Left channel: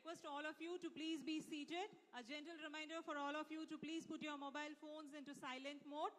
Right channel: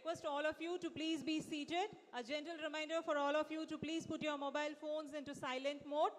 request all of you to please be seated. A gentle reminder for all of you to please put your mobile phones into silent mode.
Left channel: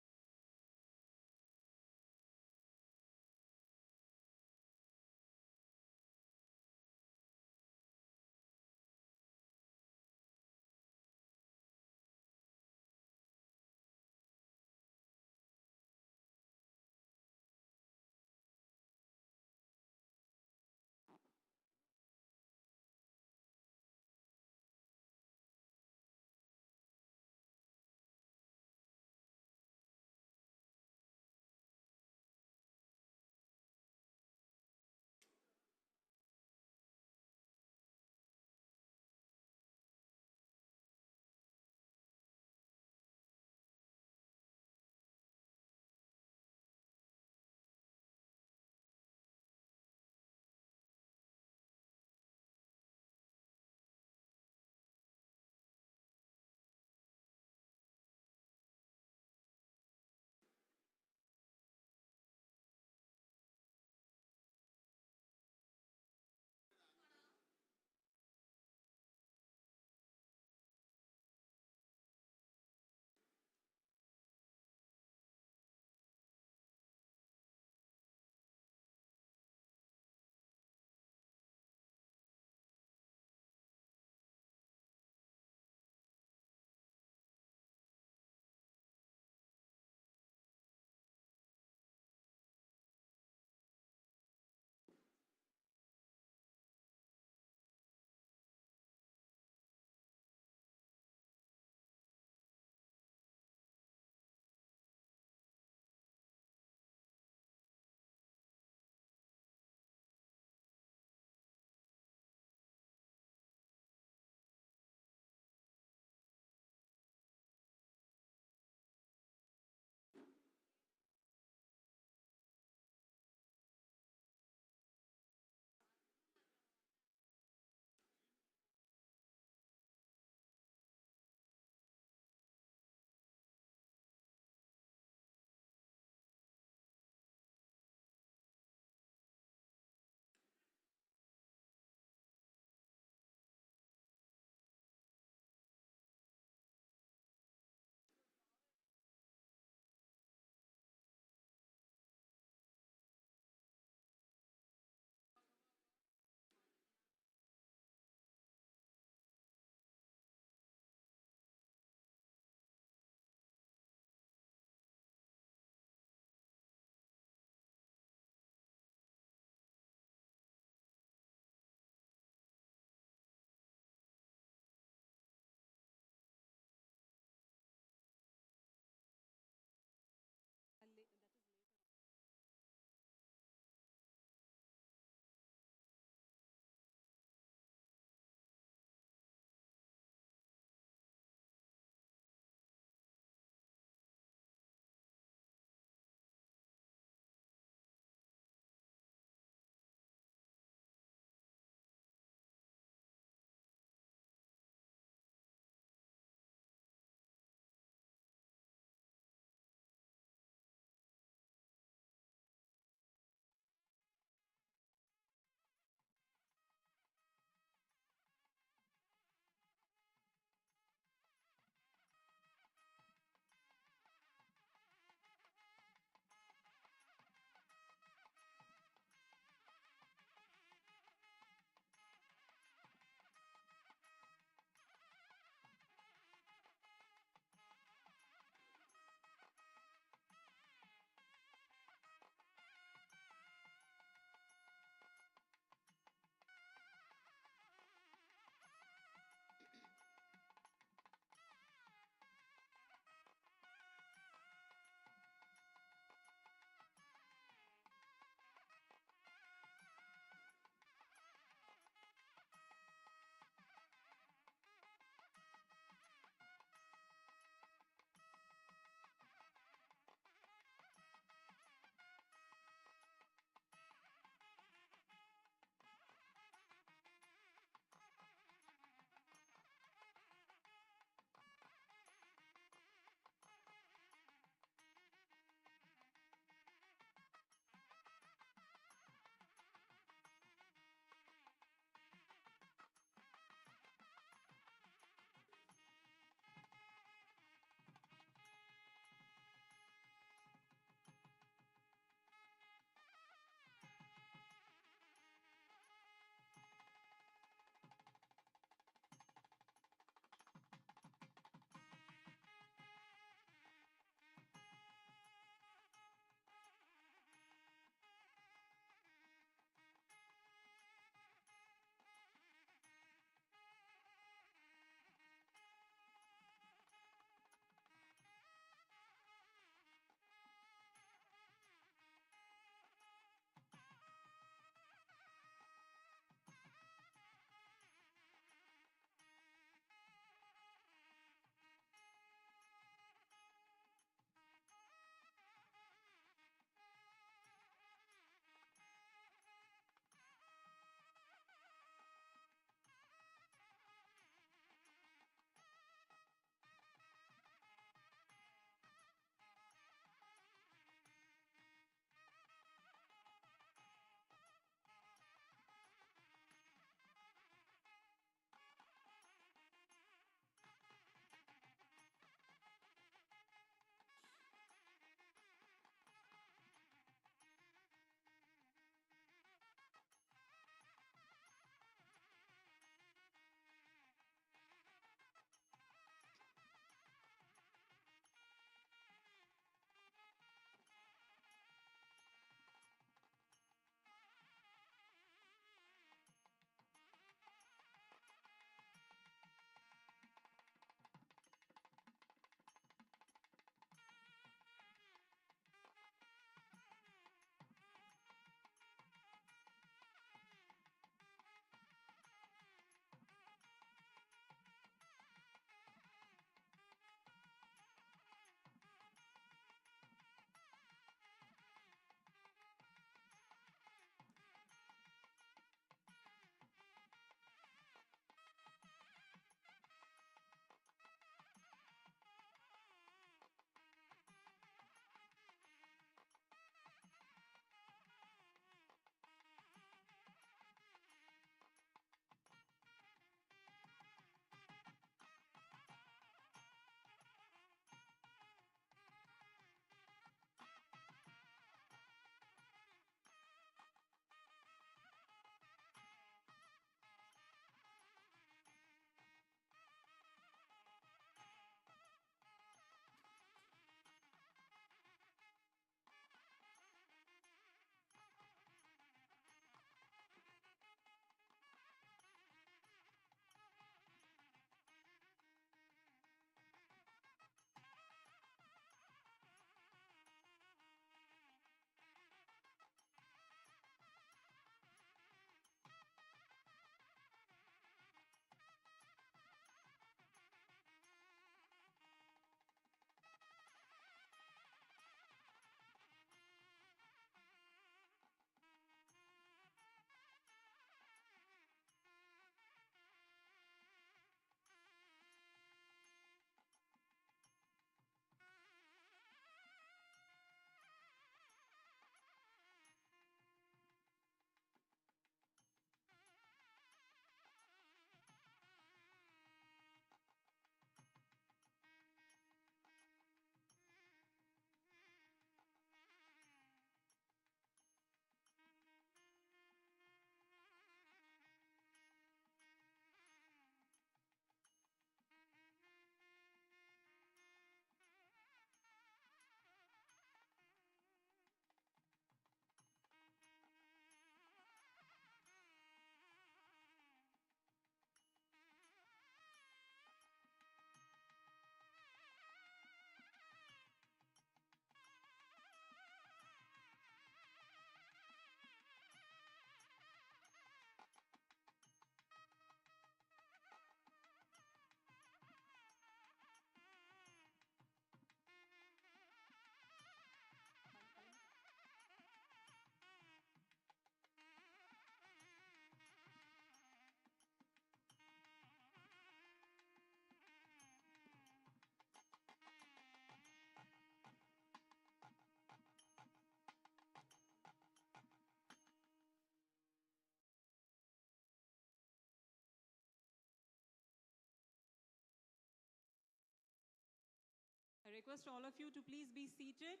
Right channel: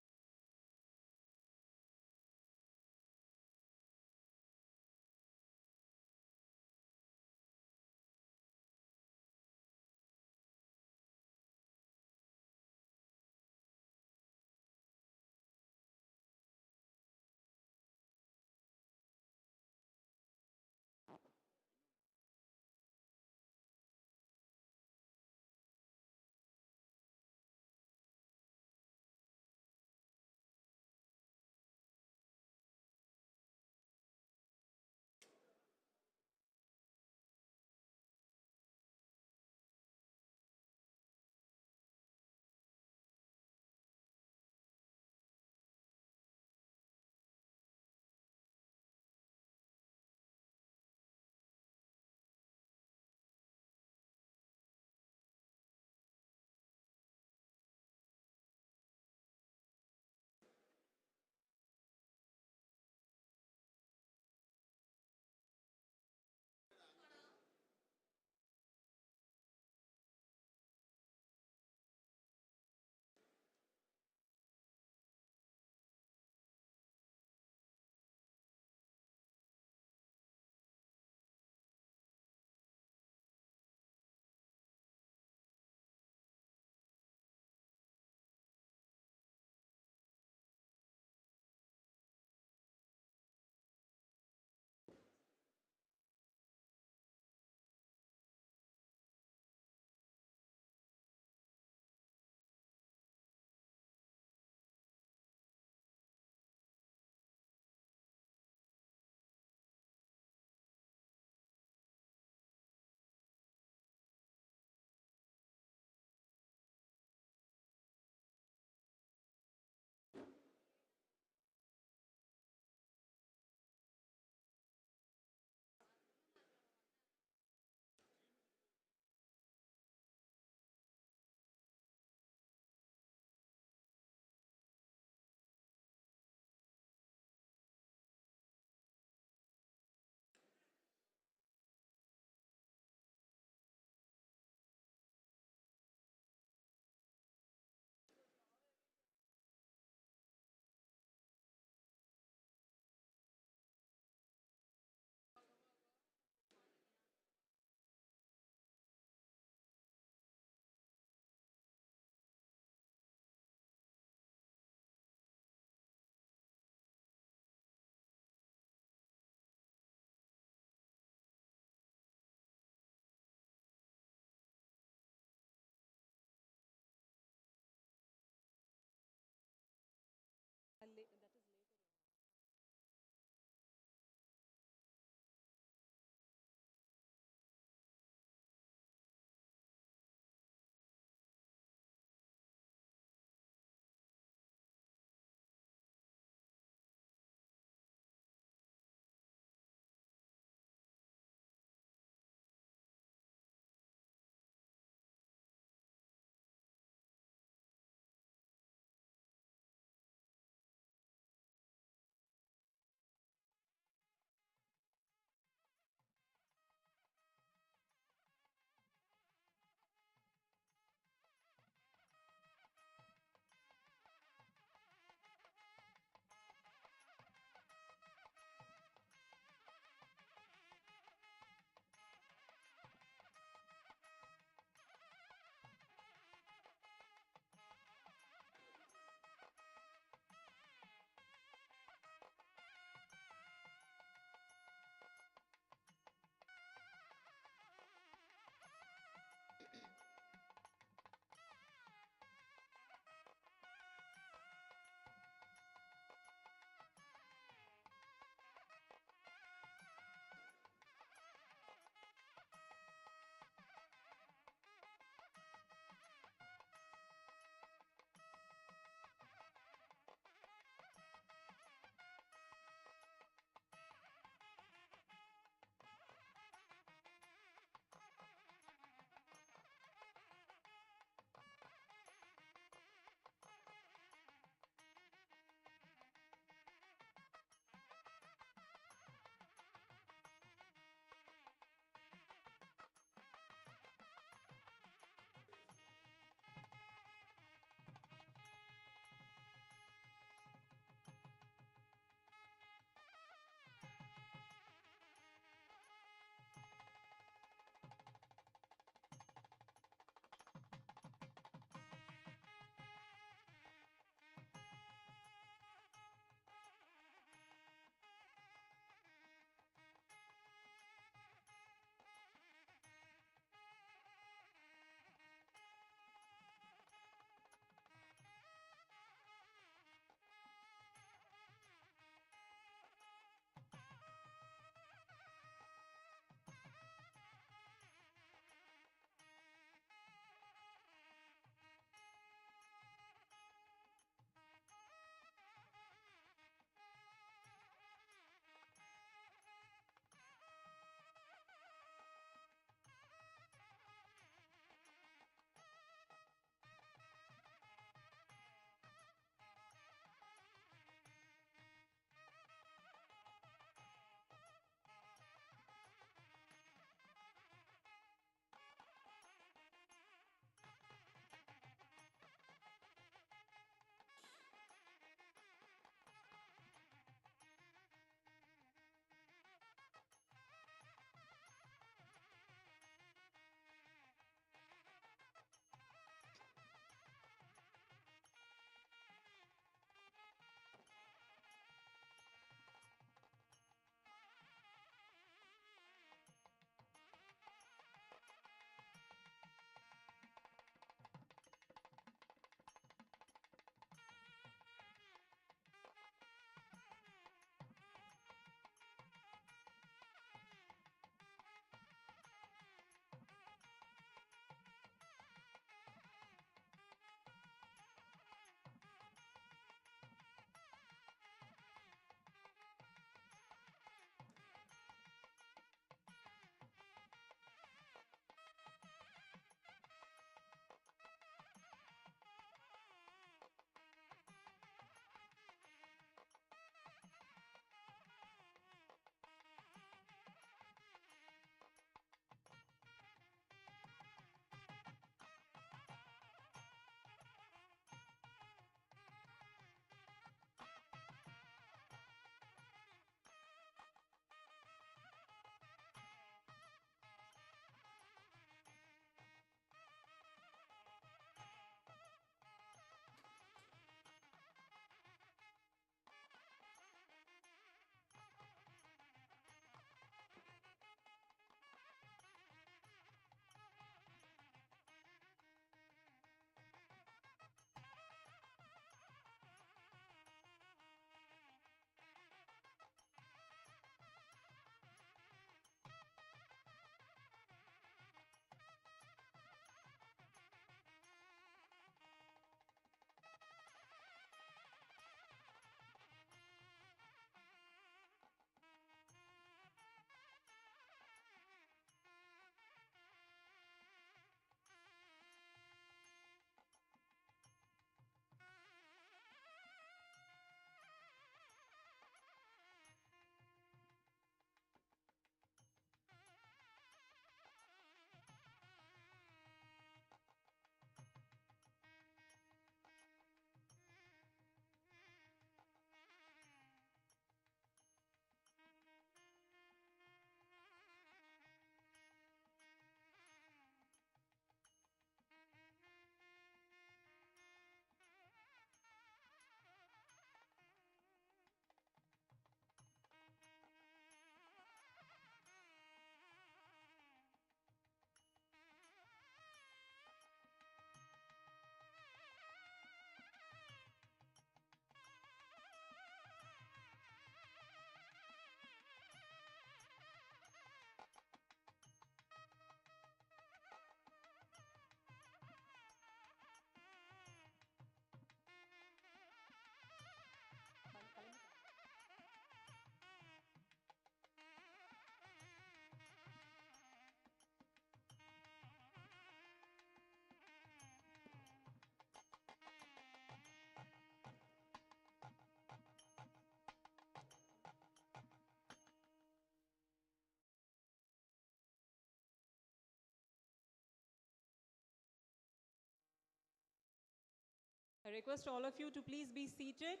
request all of you to please be seated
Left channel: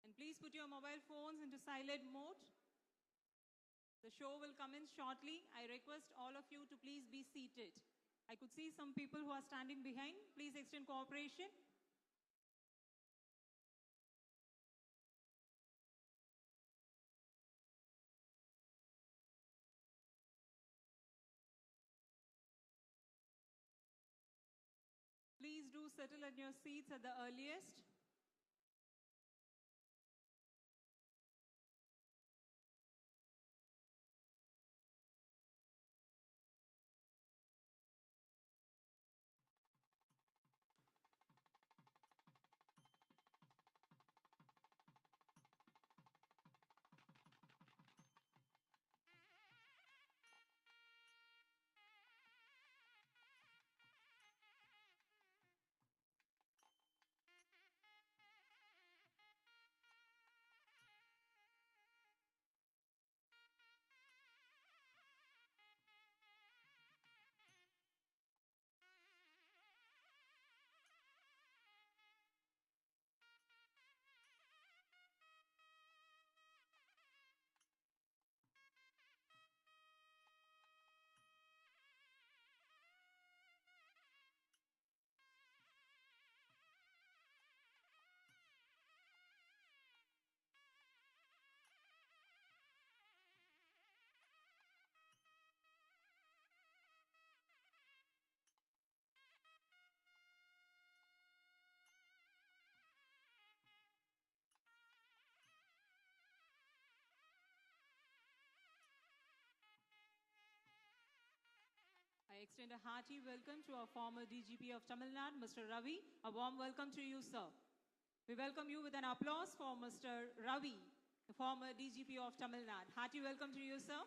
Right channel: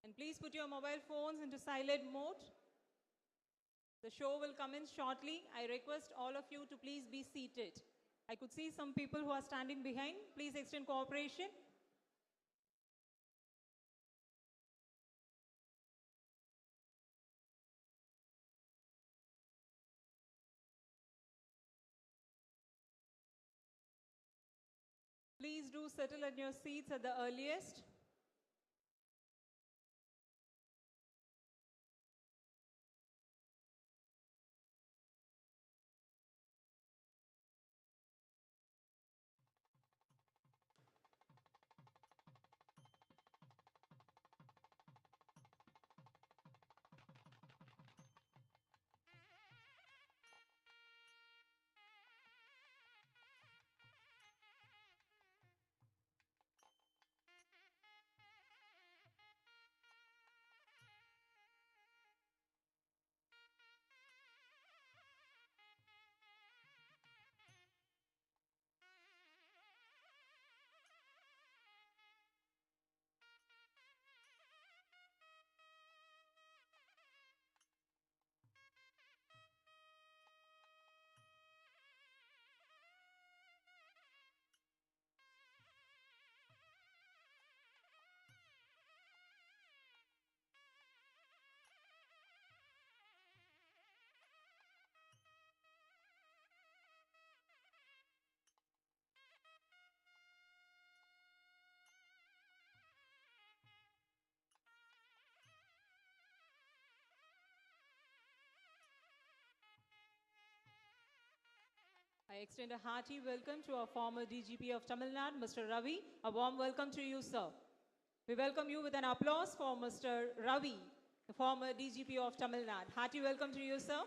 and please put your mobile phones into silent mode. The show will come in shortly. I request all of you to please be seated. I could see some people who are standing behind. Please extend cooperation. Please do settle in your seats at the earliest. I extend a hearty welcome to our former DGP of Tamil Nadu, Mr. Ravi. A warm welcome to you, sir. We welcome you with an applause for Mr. Ravi, the former DGP of Tamil Nadu. Hearty welcome to you, sir.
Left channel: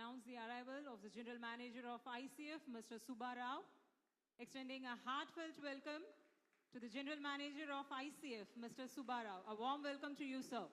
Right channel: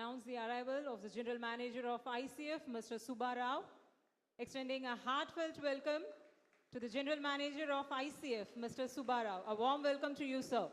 announce the arrival of the General Manager of ICF, Mr. Subba Rao, extending a heartfelt welcome to the General Manager of ICF, Mr. Subba Rao. A warm welcome to you, sir.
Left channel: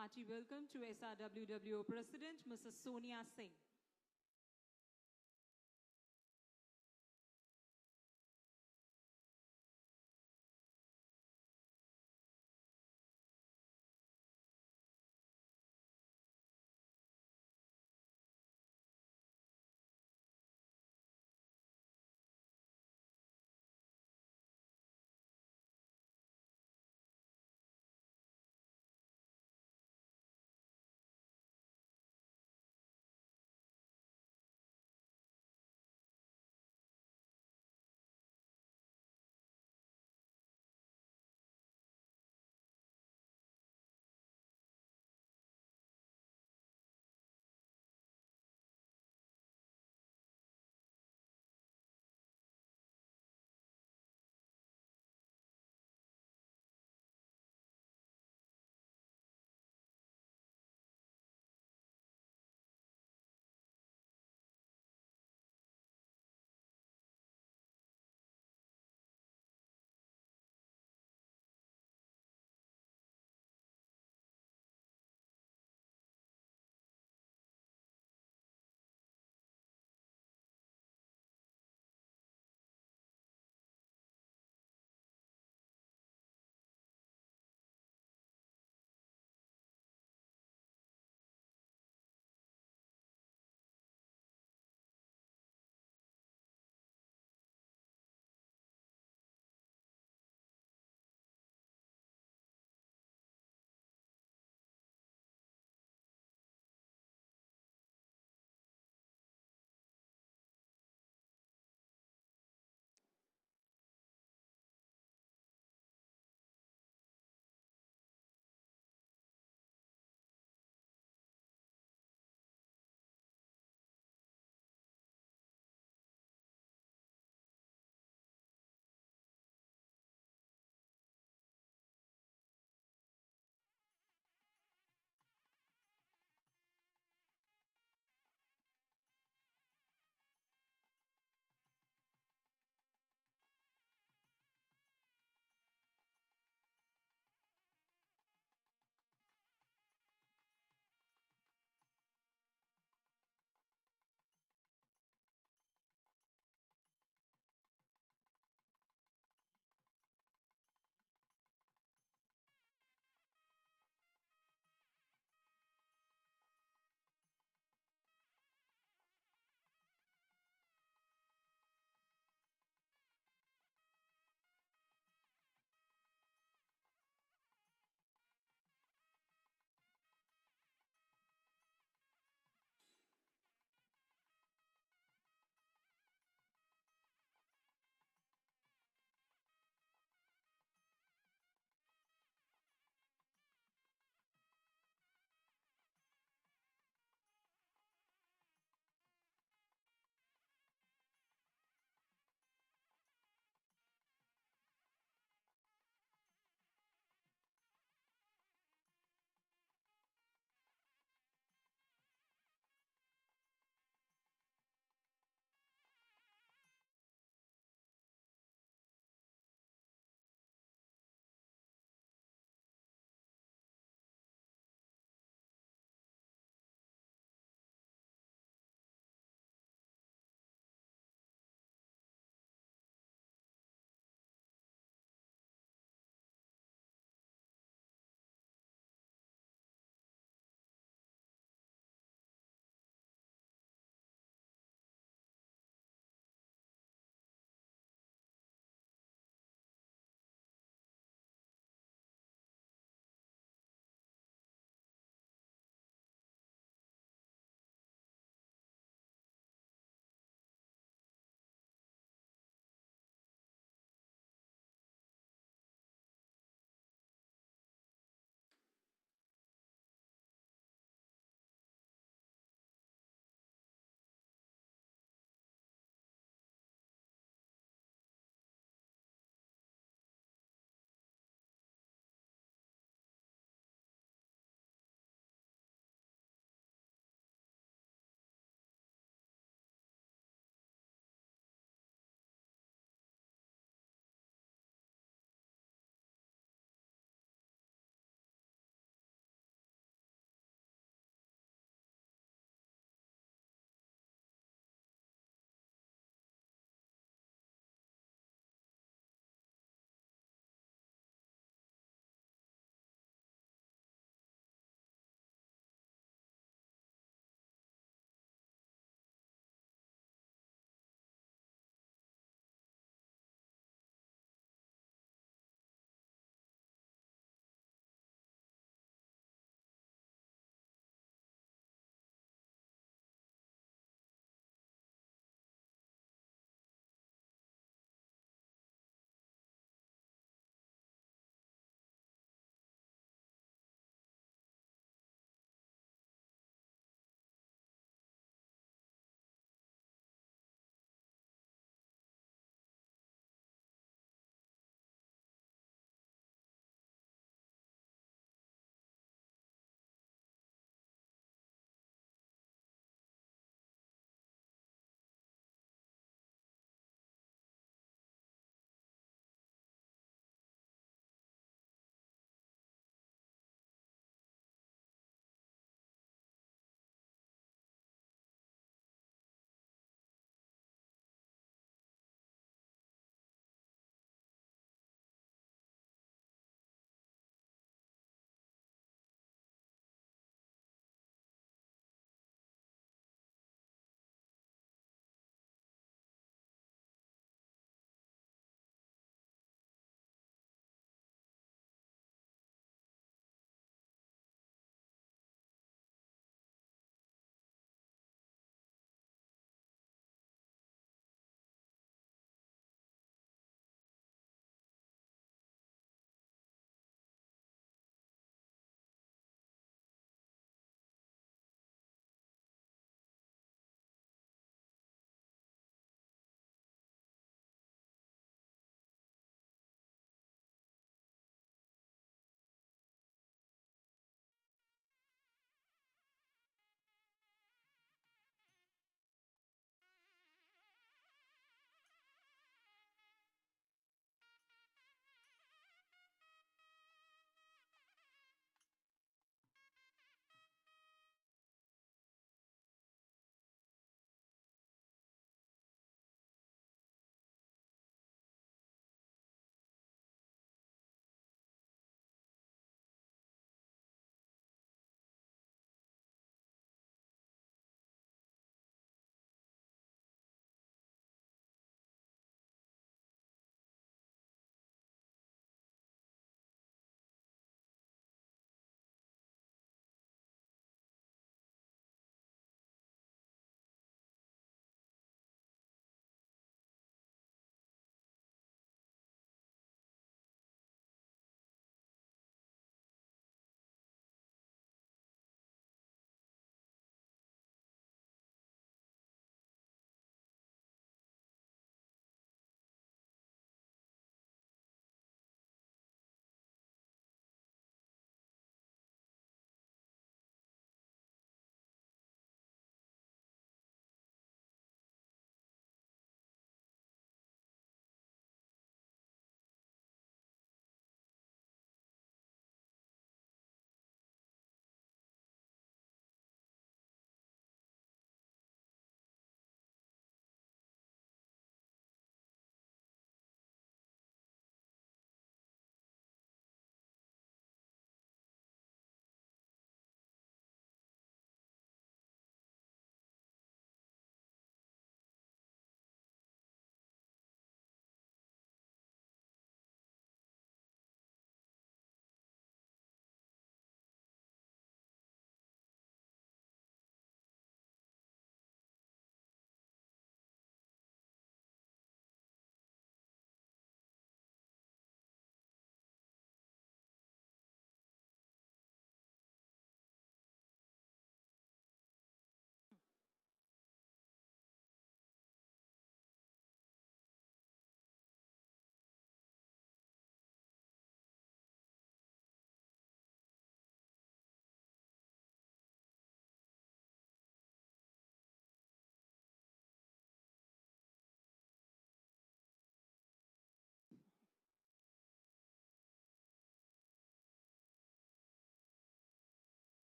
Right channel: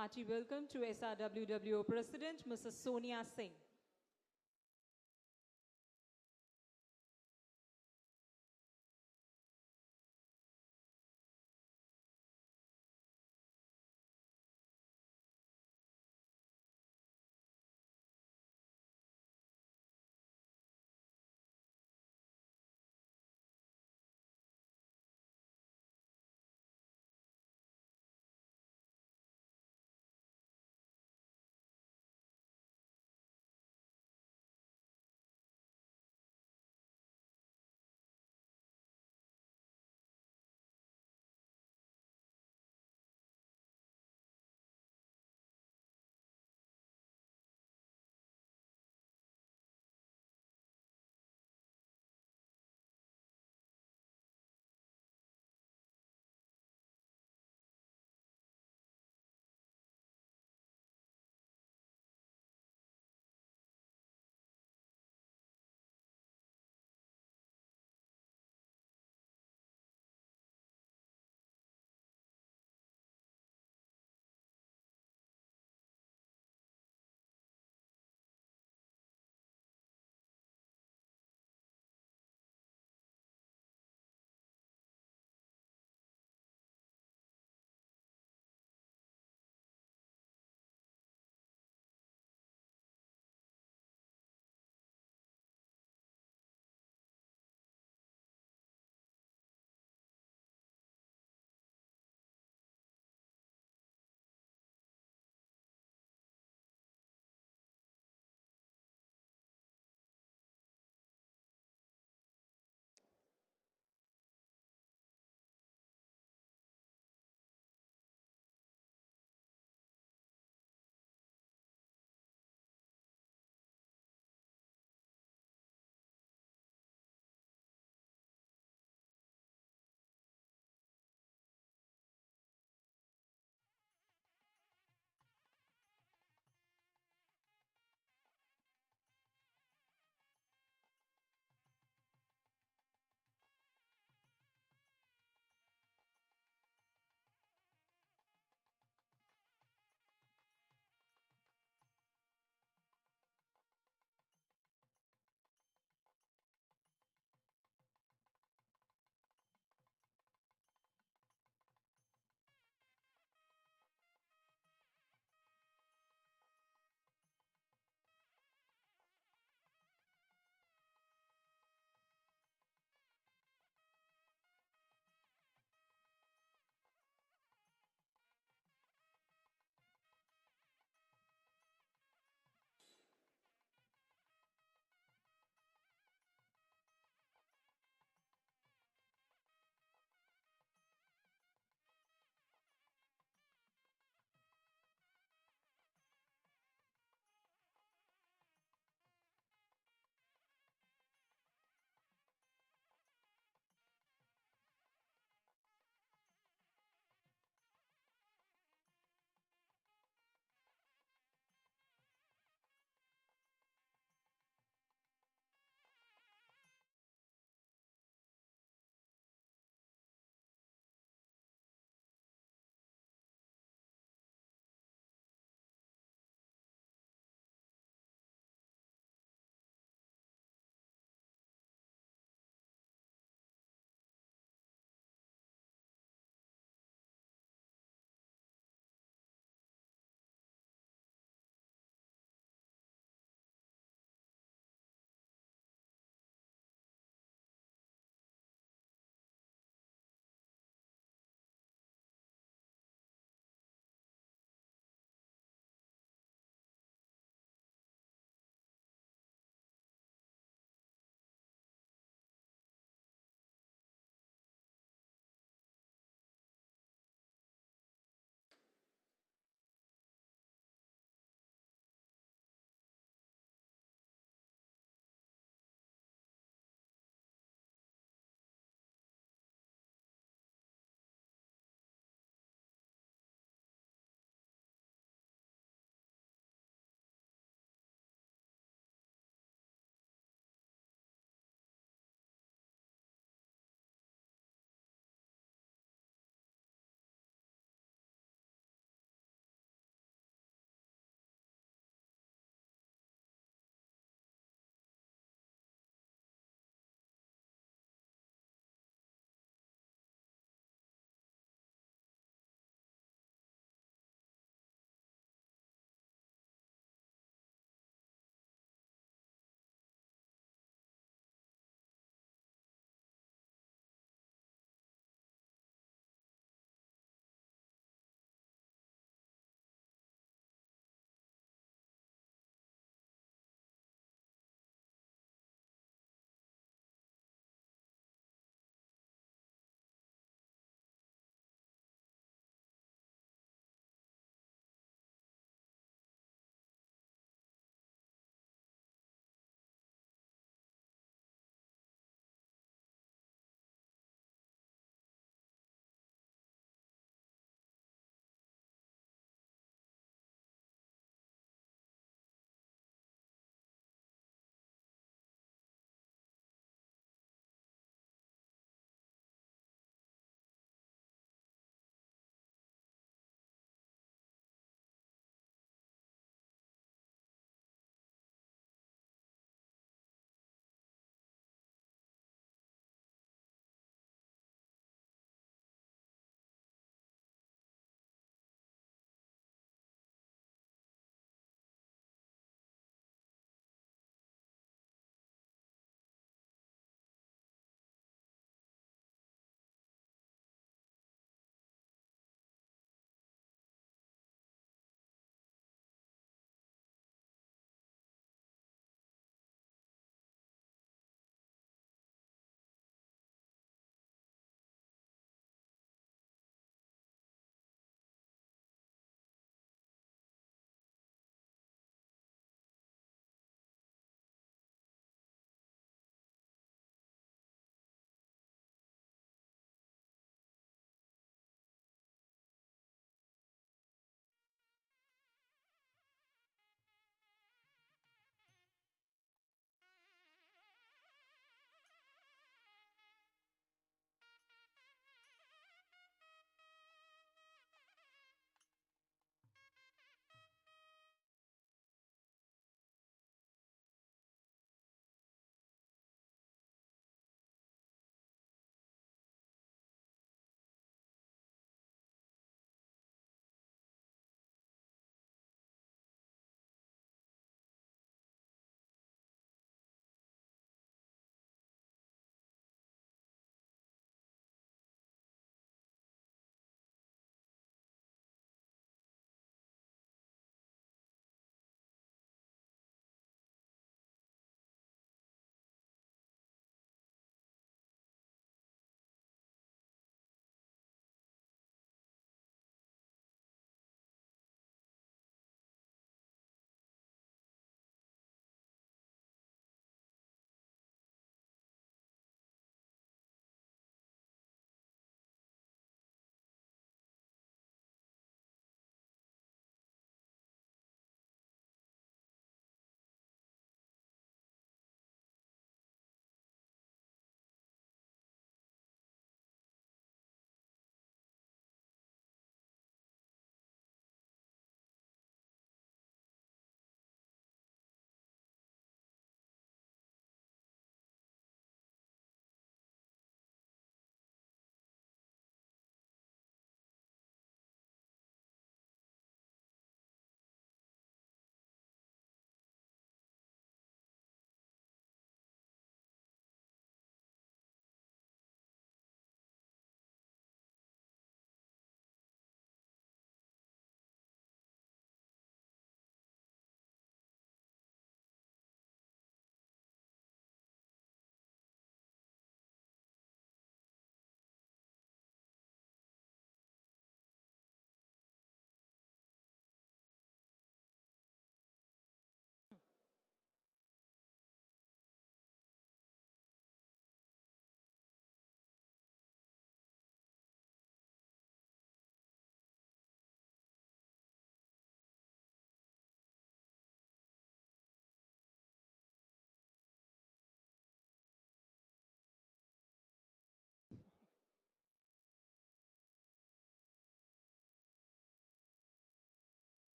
hearty welcome to SRWWO President, Mrs. Sonia Singh.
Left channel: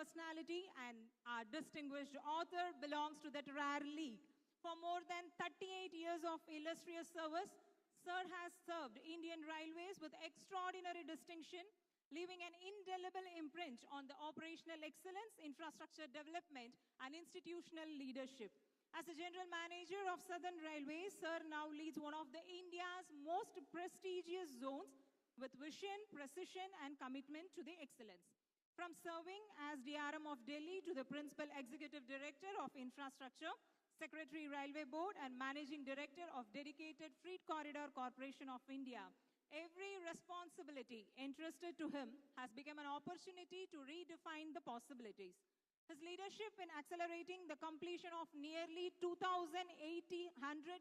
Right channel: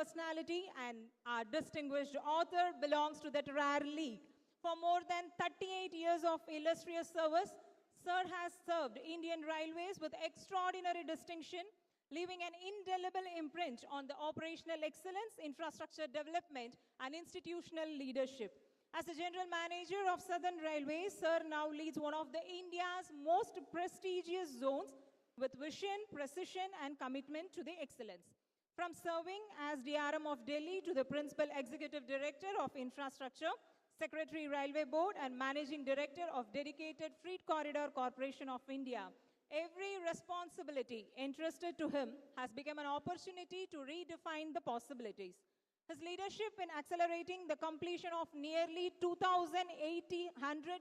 personality, and our distinguished author belongs to that rare league. For more than 38 years of illustrious service, Sir has served Indian Railways with extraordinary distinction, leaving an indelible imprint on the operational excellence, infrastructure development, and institutional leadership. As the General Manager of Southern Railways, Sir now leads one of the India's most prestigious zones with vision, precision, and commitment to the excellence. From serving as DRM of Delhi to the Principal Executive Director of Infrastructure, Secretary Railway Board, and Managing Director of Dedicated Freight Corridor Corporation of India, every responsibility entrusted to him has become an opportunity to redefine the possibilities. His leadership in accelerating the completion of nearly 2,800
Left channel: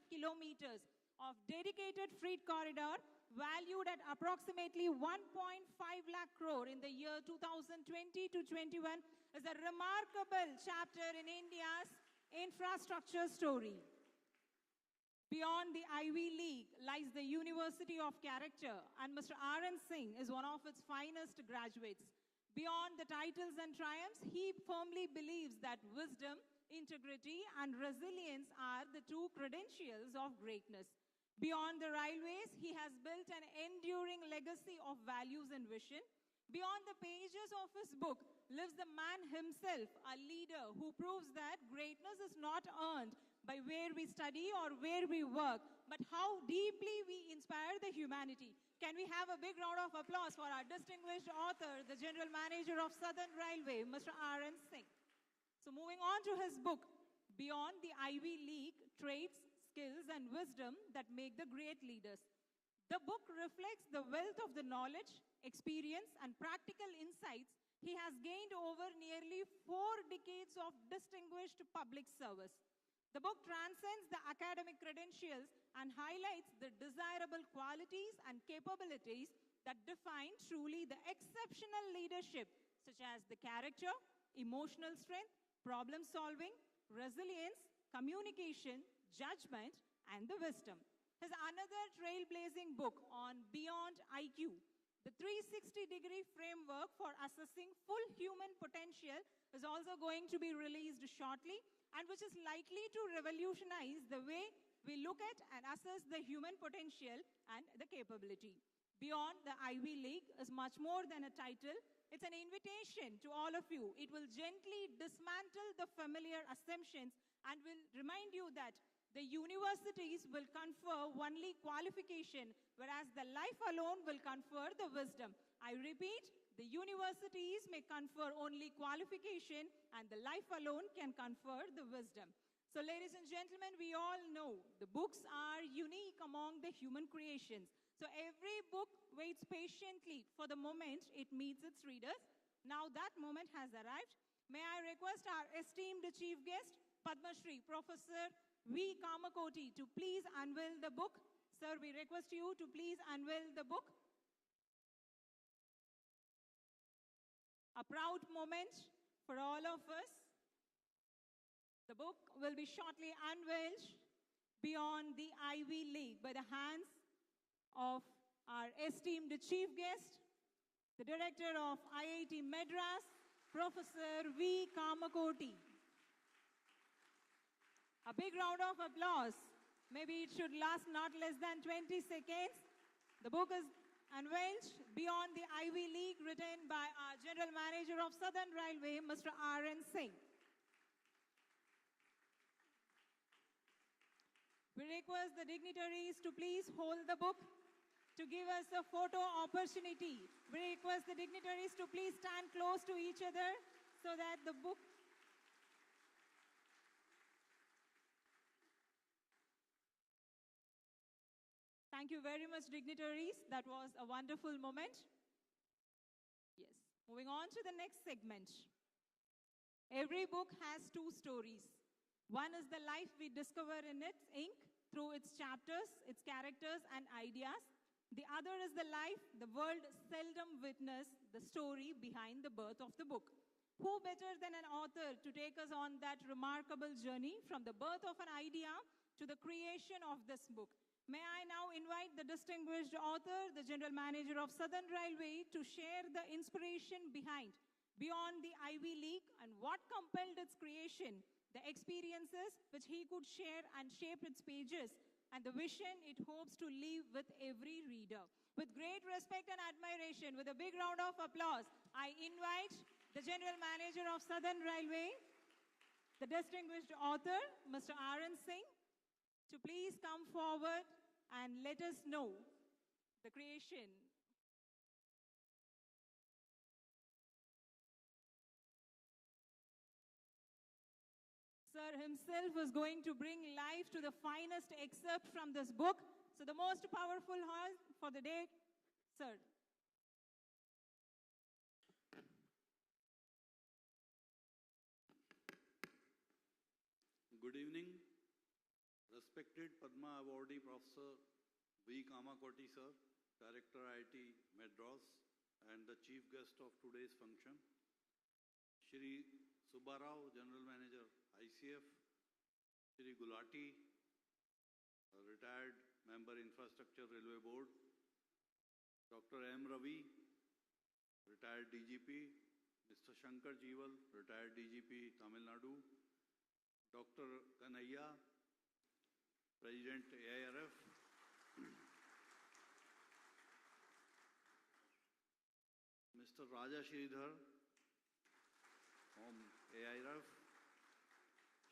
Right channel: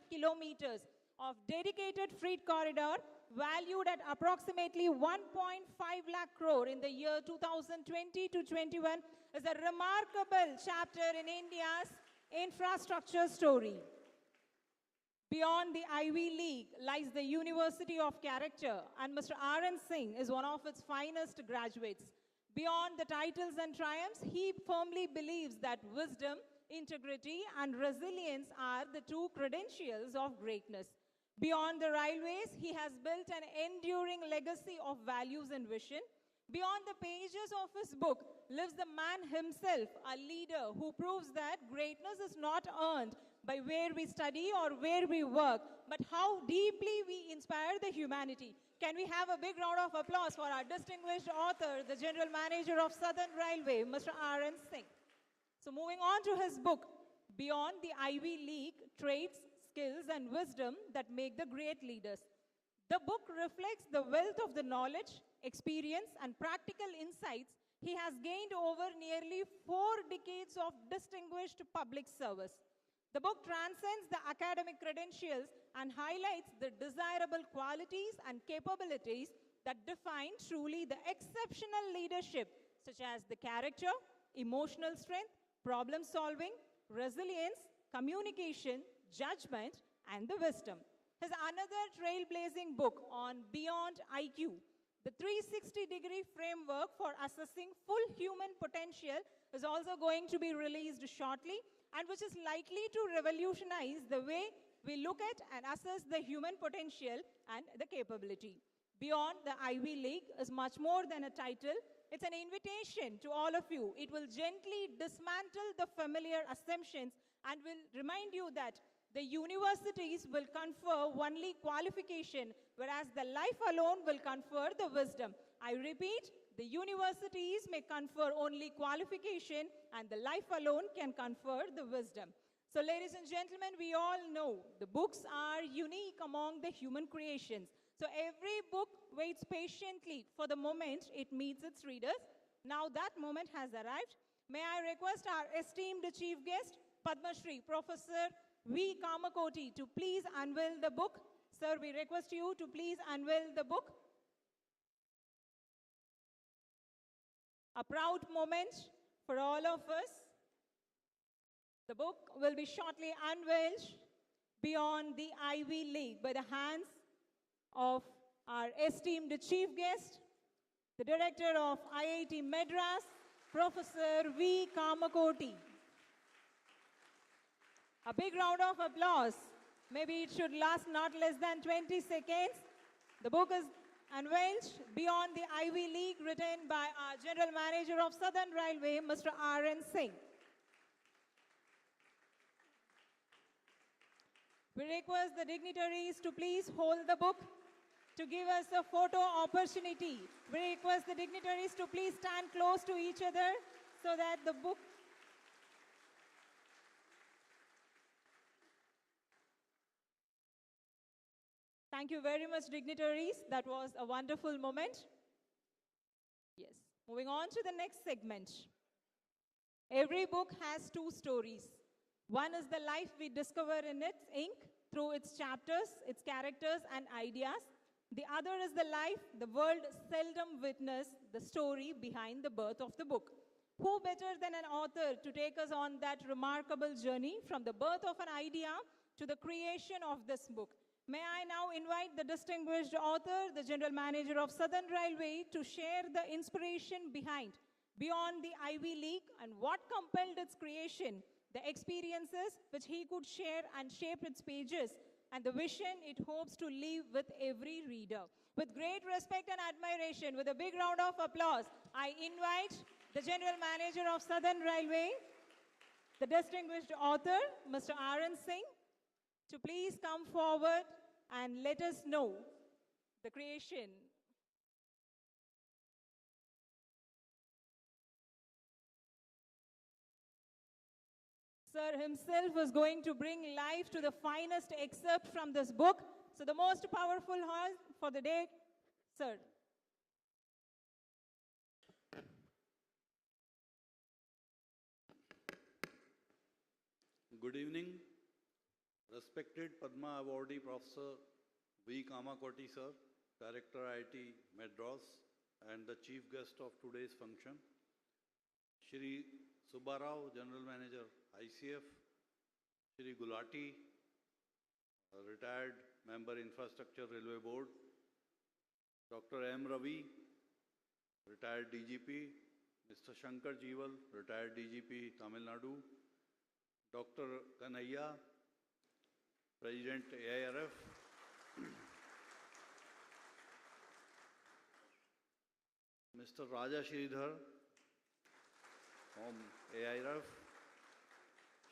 kilometers of dedicated freight corridor valued at approximately 1.5 lakh crore in the year 2020 to 21 is a remarkable chapter in India's infrastructure story. Beyond the Ivy League lies the University of Character, and Mr. R.N. Singh is one of its finest graduates. Beyond the titles and triumphs, he firmly believes that wisdom, integrity, and resilience are the true credentials of greatness. Beyond the railways, he has built an enduring legacy of values and vision. Beyond the pages of his book lives the man himself, a leader who proves that greatness is not earned by where we study or where we work, but how deeply we inspire the humanity. Can we have a big round of applause for our distinguished author, the General Manager of Southern Railway, Mr. R.N. Singh. So moving on to his book, Beyond the Ivy League, Traits, Skills and Wisdom That Make the Great Leaders. The book reflects the wealth of the knowledge, experience, and practical insights he has gained over nearly 4 decades of distinguished public service. The book transcends the academic credentials and highlights the desirable qualities and capabilities that define truly the exceptional leadership, such as the character, emotional strength, problem solving, resilience, communication, judgment, and the wisdom. His another trailblazing book on Beyond IQ, the 360-degree framework for assessing full human potential, is also going to be released shortly, and which is likely to revolutionize the way we look at and assess the human potential and the capability. Beyond the Ivy League is much more than a title. It's an invitation to all of you. It will gently dismantle the familiar assumptions and will remind you that the universities will confer only qualification, whereas the life alone will confer the wisdom. I repeat, the universities may confer only qualification and the life alone can confer the wisdom. So ladies and gentlemen, we all know the books are unique among the human creations. So every book waits patiently for the moment it meets its readers. Now that moment has arrived. May I request our esteemed chief guest, Padma Shri, Professor V. Kamakoti, to please unveil the book. Sir, we request you to please unveil the book. A proud moment for all of us. The book will be shortly unveiled, Beyond the Ivy League, by the hands of our esteemed chief guest, the director of IIT Madras, Professor V. Kamakoti. A big round of applause. Maybe it should last not less than 20 seconds. The book is unveiled, Beyond the Ivy League, written by our General Manager of Southern Railway, Mr. R.N. Singh. We request the dignitaries to please hold the book to give us a photo opportunity. We request the dignitaries to please stand close to each other so that the book. Thank you very much, dignitaries. That was a wonderful moment. Yes. Moving on to the next segment. Every book has 2 stories. One is the life we discover in its ink through its chapters, its characters, and ideas. The other is the life the world seldom witnessed, the story behind the birth of the book. Who better than an author to take us on that remarkable journey from the birth of an idea to the creation of this book? May I now invite the distinguished author, the General Manager of Southern Railway, to share the inspiration behind Beyond the Ivy League and what compelled its creation, the experiences which he could share and shape its pages, and the vision it hopes to leave with every reader. With great respect and admiration, with a big round of applause, I invite the General Manager of Southern Railway, the distinguished author, Mr. R.N. Singh, to please come forward and let us know the creation. Sir himself is going to bring life to the finest excerpt from this book. So the most powerful horse for the day, sir. Good evening, respected Padma Awardee Professor V. Kamakoti sir, Director IIT Madras, and the chief guest of today's function, Shri Subbarao, General Manager ICF, Shri Gulati, a retired member Infrastructure Railway Board, Dr. M. Ravi, retired DGP, Mr. Shankar Jeeval, retired DGP Tamil Nadu, Dr. Kanhaiya, President AIRF, Mr. Raja Sridhar from AIRF,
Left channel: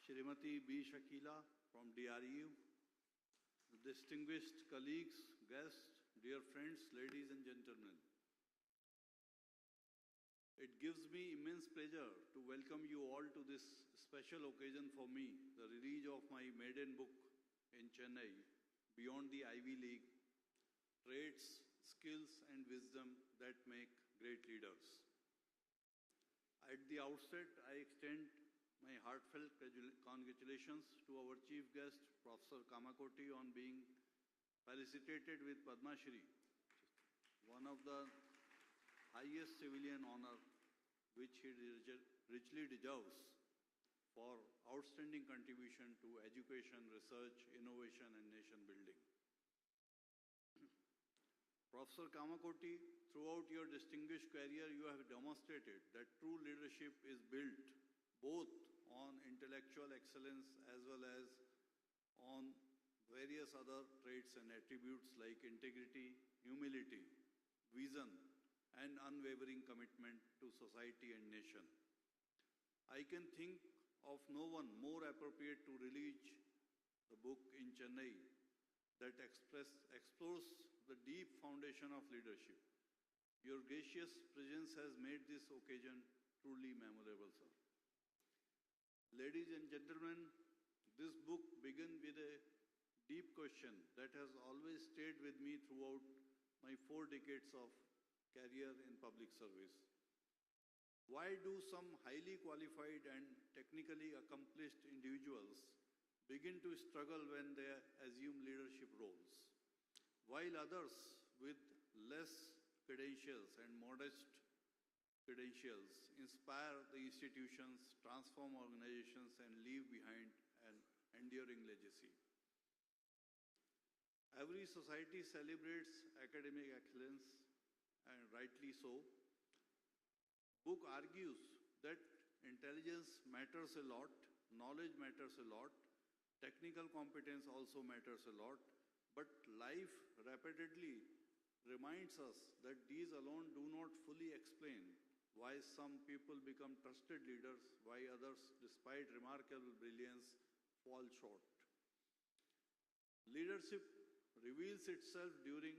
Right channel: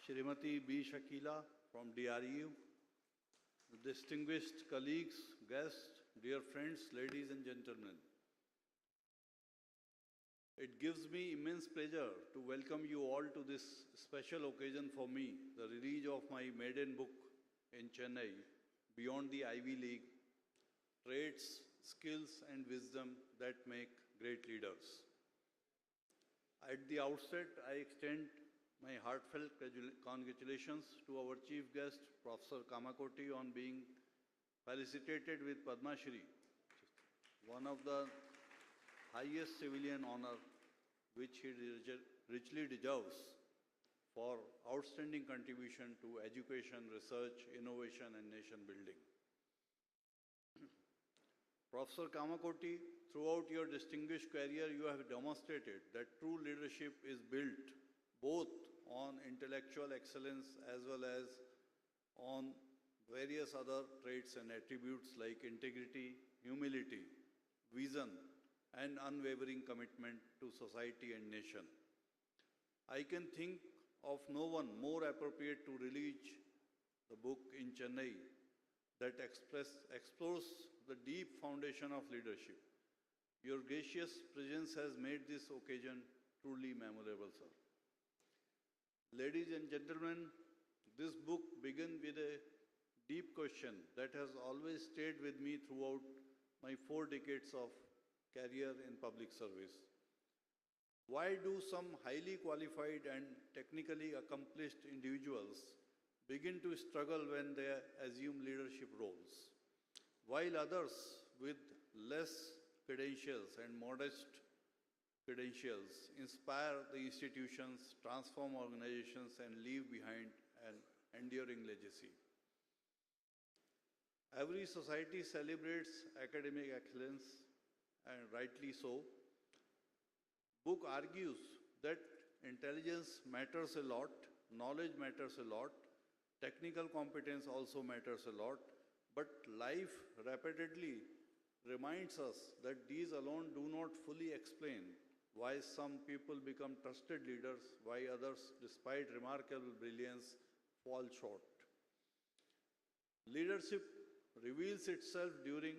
Shrimati B. Shakila from DRU, distinguished colleagues, guests, dear friends, ladies and gentlemen. It gives me immense pleasure to welcome you all to this special occasion for me, the release of my maiden book in Chennai, Beyond the Ivy League, Traits, Skills and Wisdom that Make Great Leaders. At the outset, I extend my heartfelt congratulations to our chief guest, Professor Kamakoti, on being felicitated with Padma Shri, one of the highest civilian honor which he richly deserves for outstanding contribution to education, research, innovation and nation building. Professor Kamakoti, throughout your distinguished career, you have demonstrated that true leadership is built both on intellectual excellence as well as on various other traits and attributes like integrity, humility, vision, and unwavering commitment to society and nation. I can think of no one more appropriate to release the book in Chennai that explores the deep foundation of leadership. Your gracious presence has made this occasion truly memorable, sir. Ladies and gentlemen, this book begins with a deep question that has always stayed with me throughout my 4 decades of career in public service. Why do some highly qualified and technically accomplished individuals begin to struggle when they assume leadership roles, while others with less credentials and modest credentials inspire the institutions, transform organizations, and leave behind an enduring legacy? Every society celebrates academic excellence, and rightly so. Book argues that intelligence matters a lot, knowledge matters a lot, technical competence also matters a lot, but life repeatedly reminds us that these alone do not fully explain why some people become trusted leaders, why others, despite remarkable brilliance, fall short. Leadership reveals itself during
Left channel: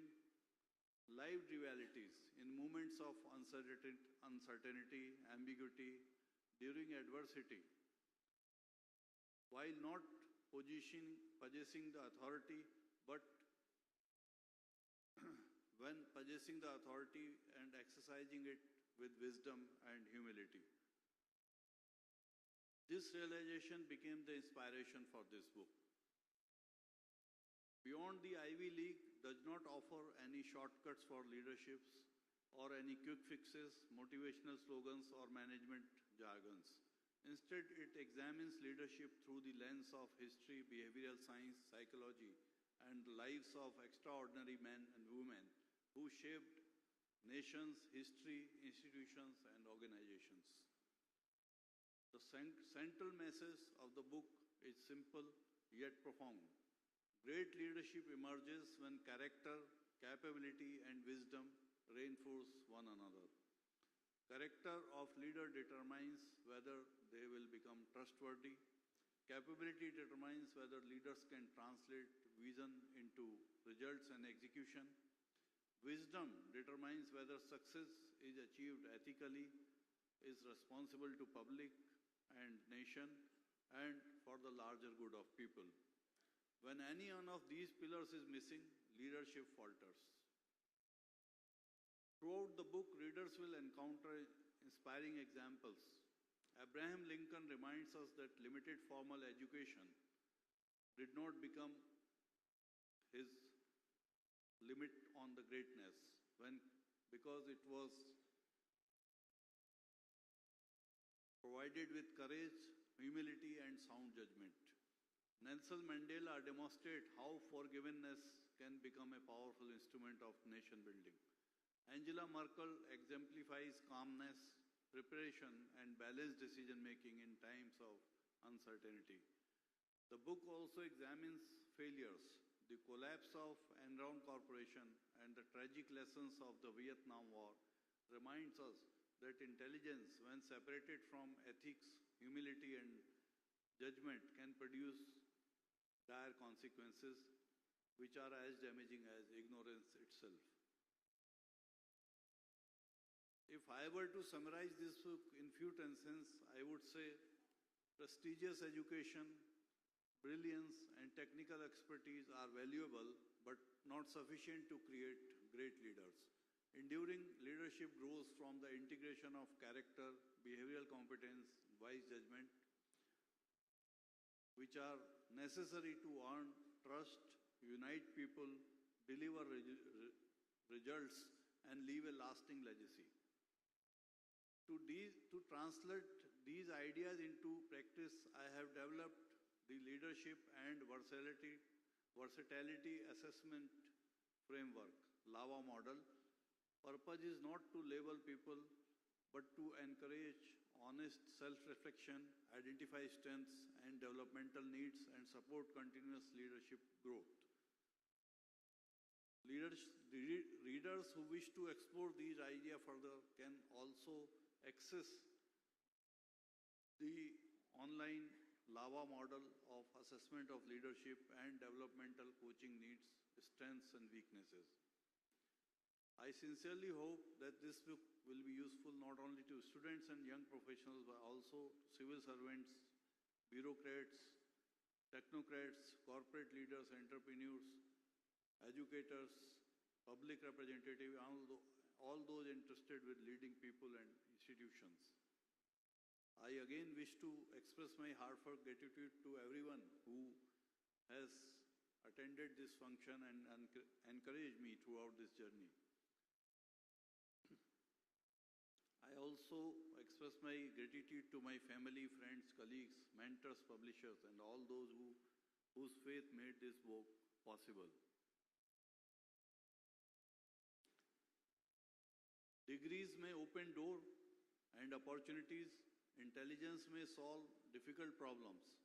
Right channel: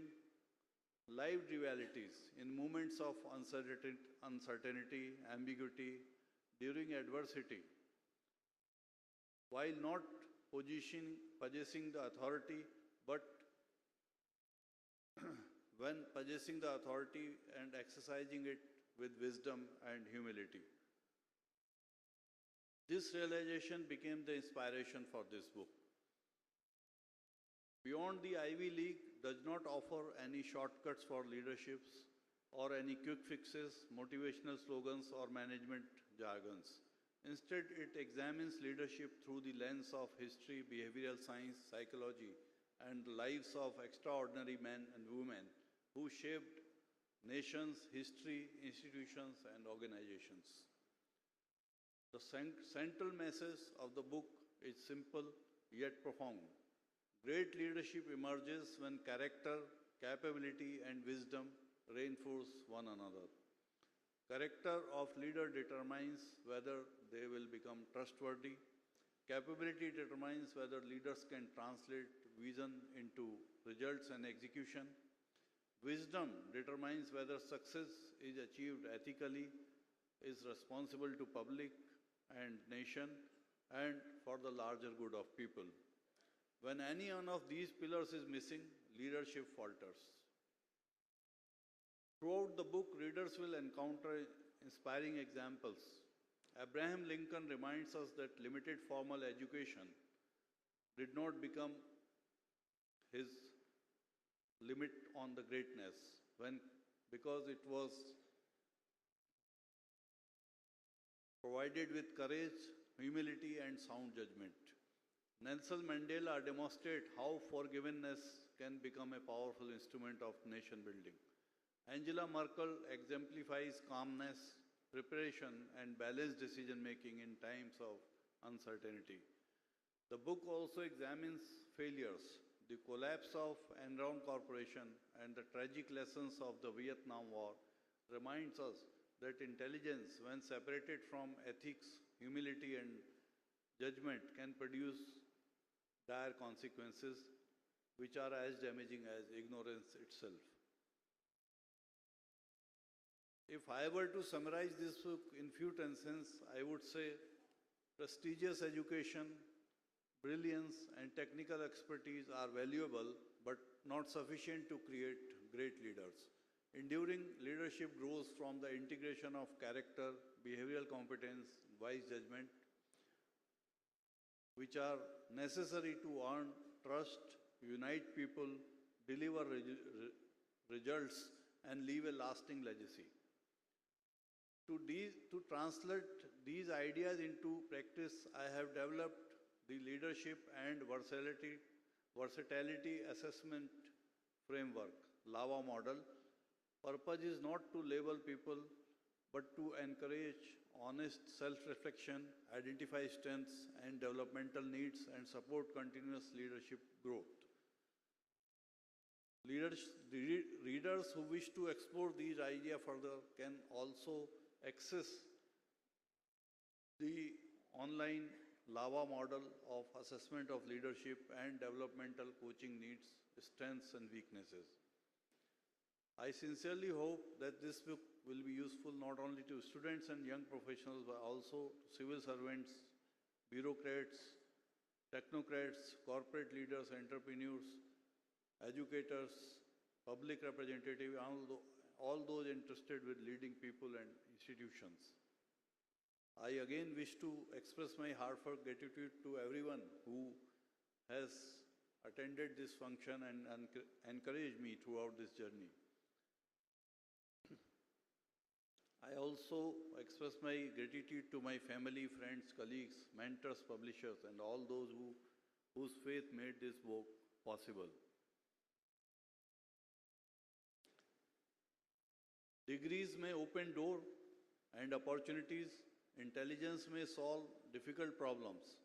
lived realities, in moments of uncertainty, ambiguity, during adversity. While not possessing the authority, but when possessing the authority and exercising it with wisdom and humility. This realization became the inspiration for this book. Beyond the Ivy League does not offer any shortcuts for leaderships or any quick fixes, motivational slogans, or management jargons. Instead, it examines leadership through the lens of history, behavioral science, psychology, and the lives of extraordinary men and women who shaped nations, history, institutions, and organizations. The central message of the book is simple yet profound. Great leadership emerges when character, capability, and wisdom reinforce one another. Character of leader determines whether they will become trustworthy. Capability determines whether leaders can translate vision into results and execution. Wisdom determines whether success is achieved ethically, is responsible to public and nation, and for the larger good of people. When any one of these pillars is missing, leadership falters. Throughout the book, readers will encounter inspiring examples. Abraham Lincoln reminds us that limited formal education did not become his limit on the greatness because it was provided with courage, humility, and sound judgment. Nelson Mandela demonstrated how forgiveness can become a powerful instrument of nation building. Angela Merkel exemplifies calmness, preparation, and balanced decision making in times of uncertainty. The book also examines failures, the collapse of Enron Corporation, and the tragic lessons of the Vietnam War, reminds us that intelligence, when separated from ethics, humility, and judgment, can produce dire consequences which are as damaging as ignorance itself. If I were to summarize this book in few sentences, I would say prestigious education, brilliance, and technical expertise are valuable but not sufficient to create great leaders. Enduring leadership grows from the integration of character, behavioral competence, wise judgment, which are necessary to earn trust, unite people, deliver results, and leave a lasting legacy. To translate these ideas into practice, I have developed the leadership and versatility assessment framework, LAVA model. Purpose is not to label people, but to encourage honest self-reflection, identify strengths and developmental needs, and support continuous leadership growth. Readers who wish to explore these ideas further can also access the online LAVA model of assessment of leadership and developmental coaching needs, strengths, and weaknesses. I sincerely hope that this book will be useful not only to students and young professionals, but also to civil servants, bureaucrats, technocrats, corporate leaders, entrepreneurs, educators, public representatives, all those interested with leading people and institutions. I again wish to express my heartfelt gratitude to everyone who has attended this function and encouraged me throughout this journey. I also express my gratitude to my family, friends, colleagues, mentors, publishers, and all those whose faith made this book possible. Degrees may open doors and opportunities. Intelligence may solve difficult problems.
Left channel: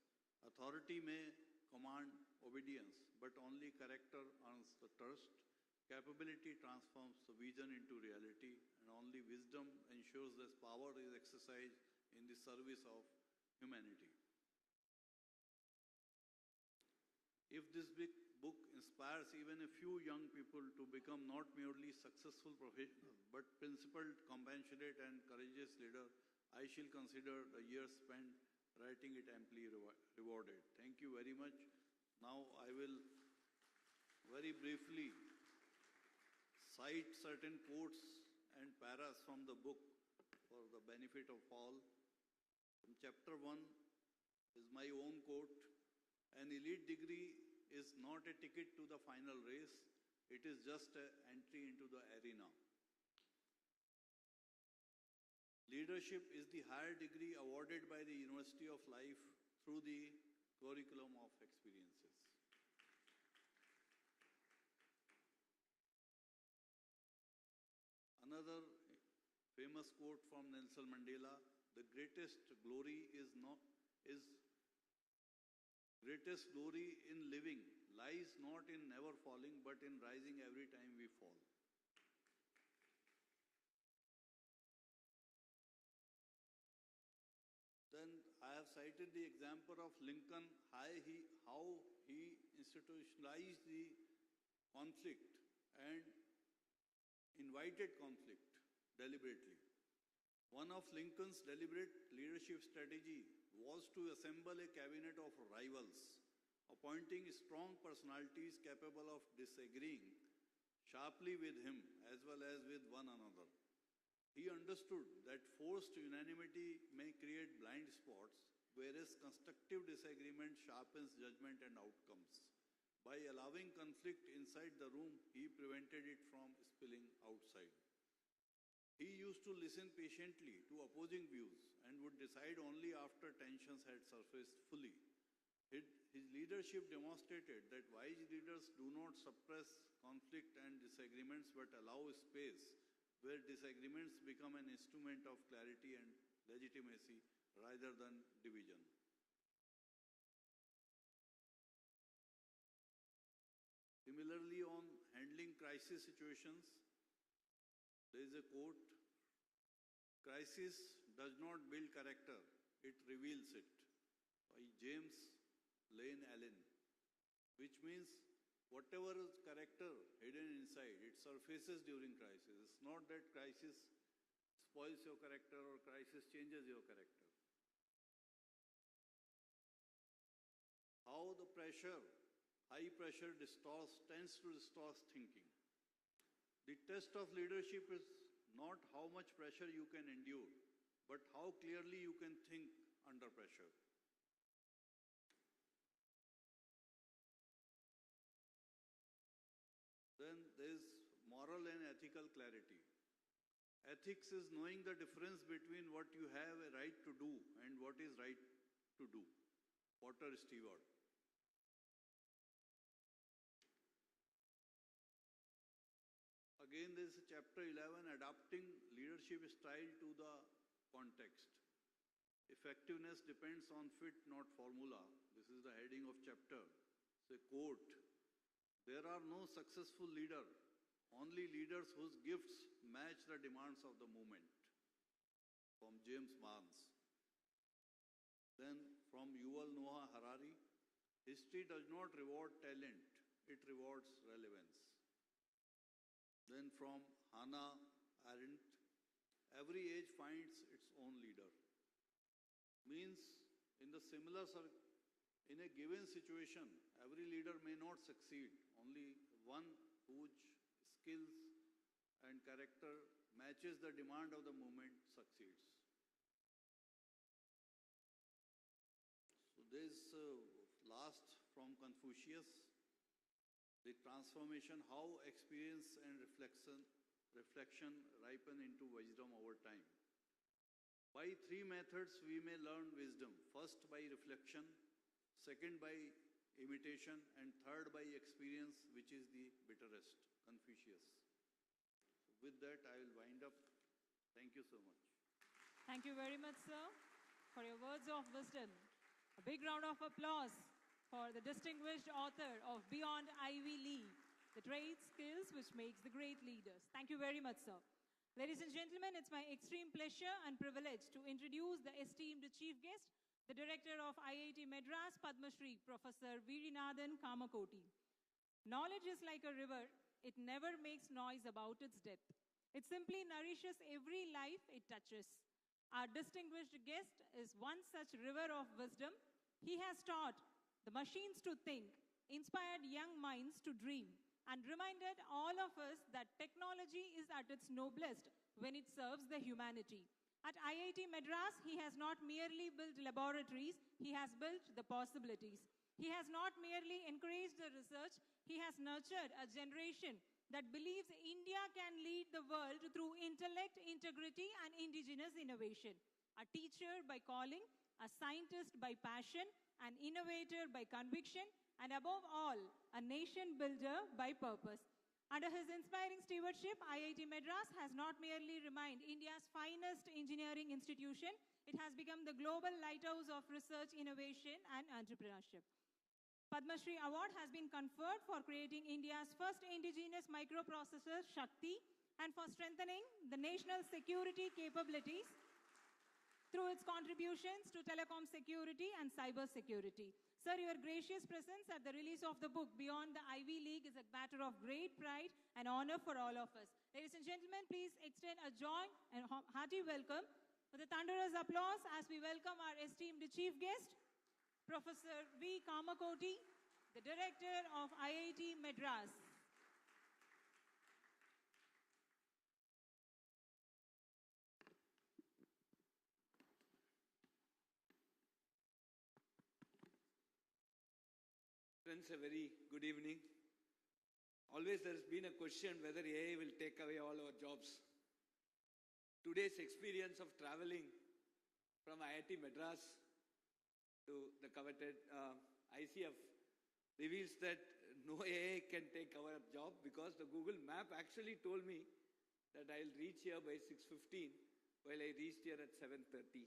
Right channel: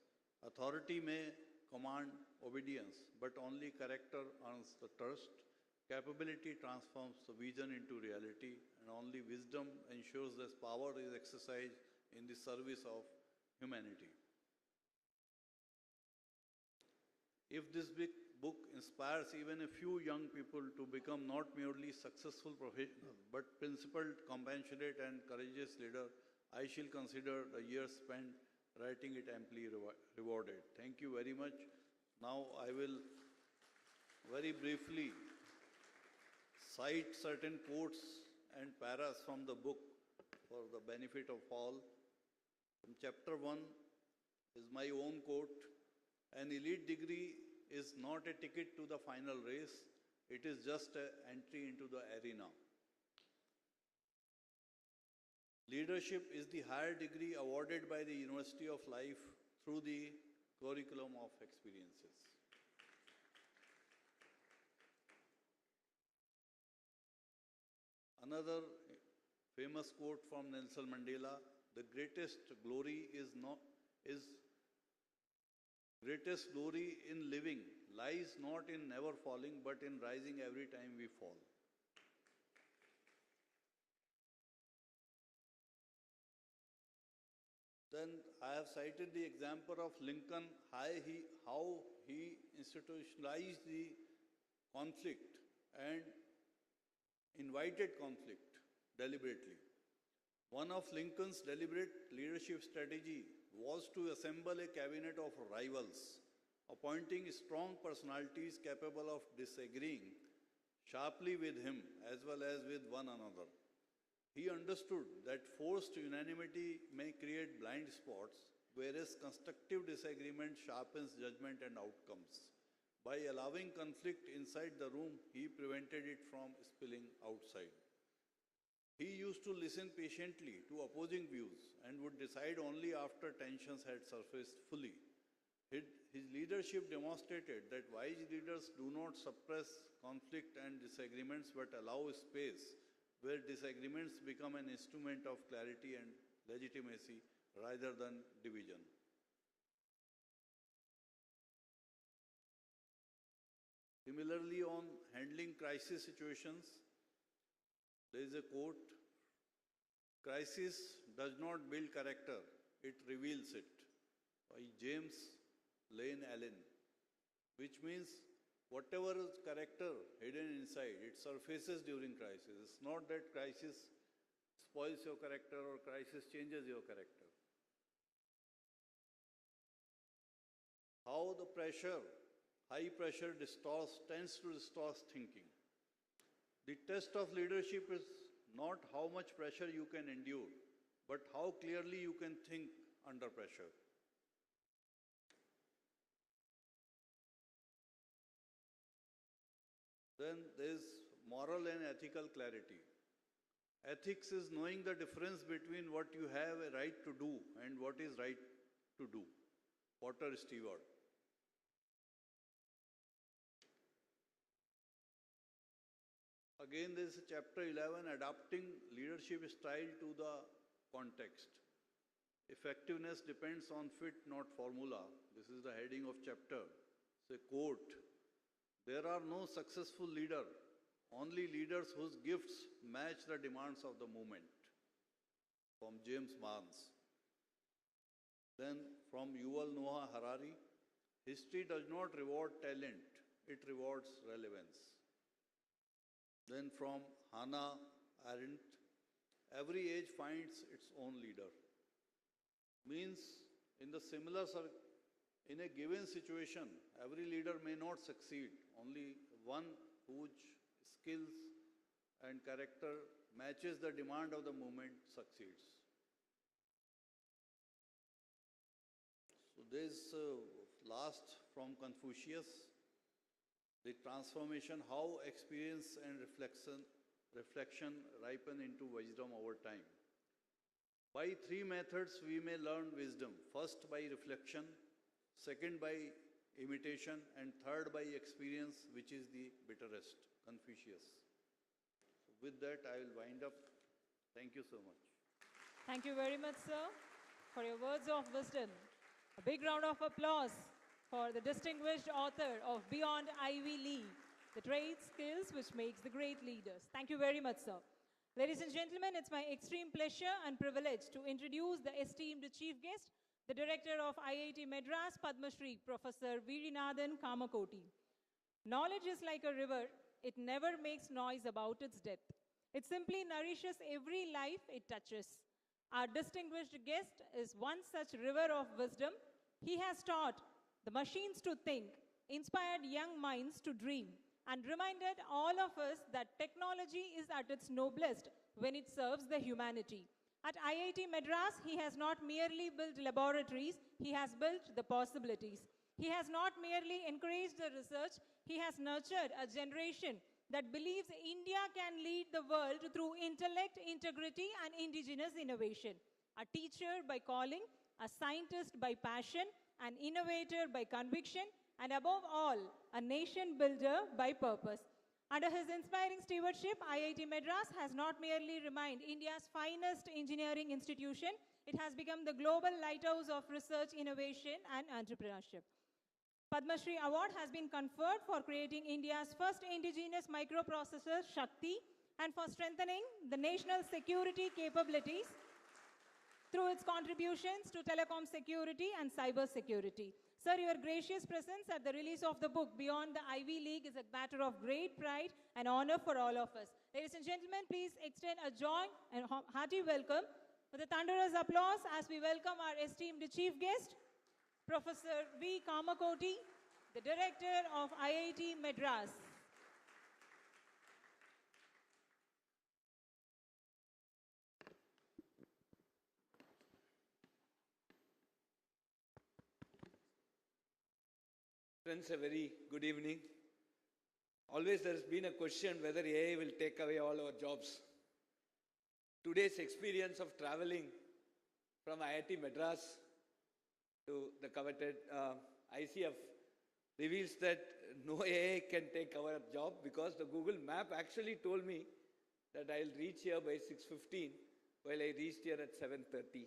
Authority may command obedience, but only character earns the trust. Capability transforms the vision into reality, and only wisdom ensures that power is exercised in the service of humanity. If this big book inspires even a few young people to become not merely successful professionals, but principled, compassionate, and courageous leaders, I shall consider the years spent writing it amply rewarded. Thank you very much. Now I will very briefly cite certain quotes and paras from the book for the benefit of all. From chapter 1 is my own quote: "An elite degree is not a ticket to the final race, it is just an entry into the arena. Leadership is the higher degree awarded by the University of Life through the curriculum of experiences." Another famous quote from Nelson Mandela: "The greatest glory in living lies not in never falling, but in rising every time we fall." Then I have cited the example of Lincoln, how he institutionalized the conflict and invited conflict deliberately. One of Lincoln's deliberate leadership strategy was to assemble a cabinet of rivals, appointing strong personalities capable of disagreeing sharply with him as well as with one another. He understood that forced unanimity may create blind spots, whereas constructive disagreement sharpens judgment and outcomes. By allowing conflict inside the room, he prevented it from spilling outside. He used to listen patiently to opposing views and would decide only after tensions had surfaced fully. his leadership demonstrated that wise leaders do not suppress conflict and disagreements but allow space where disagreements become an instrument of clarity and legitimacy rather than division. Similarly, on handling crisis situations, there is a quote: "Crisis does not build character, it reveals it," by James Lane Allen, which means whatever is character hidden inside, it surfaces during crisis. It's not that crisis spoils your character or crisis changes your character. How the pressure, high pressure tends to distort thinking. The test of leadership is not how much pressure you can endure, but how clearly you can think under pressure. Then there is moral and ethical clarity. Ethics is knowing the difference between what you have a right to do and what is right to do. Potter Stewart. Again, there is chapter 11, adapting leadership style to the context. Effectiveness depends on fit, not formula. This is the heading of chapter. It's a quote: "There are no successful leaders, only leaders whose gifts match the demands of the moment." From James Barnes. Then from Yuval Noah Harari, "History does not reward talent, it rewards relevance." Then from Hannah Arendt, "Every age finds its own leader." Means in a given situation, every leader may not succeed. Only one whose skills and character matches the demand of the moment succeeds. So this last from Confucius, the transformation, how experience and reflection ripen into wisdom over time. By three methods we may learn wisdom. First by reflection, second by imitation, and third by experience, which is the bitterest. Confucius. So with that I will wind up. Thank you so much. Thank you very much, sir, for your words of wisdom. A big round of applause for the distinguished author of Beyond Ivy League, the trade skills which makes the great leaders. Thank you very much, sir. Ladies and gentlemen, it's my extreme pleasure and privilege to introduce the esteemed chief guest, the director of IIT Madras, Padma Shri, Professor Virinathan Kamakoti. Knowledge is like a river. It never makes noise about its depth. It simply nourishes every life it touches. Our distinguished guest is one such river of wisdom. He has taught the machines to think, inspired young minds to dream, and reminded all of us that technology is at its noblest when it serves the humanity. At IIT Madras, he has not merely built laboratories, he has built the possibilities. He has not merely encouraged the research, he has nurtured a generation that believes India can lead the world through intellect, integrity, and indigenous innovation. A teacher by calling, a scientist by passion, an innovator by conviction, and above all, a nation builder by purpose. Under his inspiring stewardship, IIT Madras has not merely remained India's finest engineering institution, it has become the global lighthouse of research, innovation, and entrepreneurship. Padma Shri Award has been conferred for creating India's first indigenous microprocessor, Shakti, and for strengthening the national security capabilities through its contributions to telecom security and cyber security. Sir, your gracious presence at the release of the book Beyond the Ivy League is a matter of great pride and honor for all of us. Ladies and gentlemen, please extend a joy and hearty welcome with a thunderous applause as we welcome our esteemed chief guest, Professor V. Kamakoti, the director of IIT Madras. Friends, a very good evening. Always there has been a question whether AI will take away all our jobs. Today's experience of traveling from IIT Madras to the coveted ICF reveals that no AI can take our job because the Google map actually told me that I'll reach here by 6:15 while I reached here at 7:30.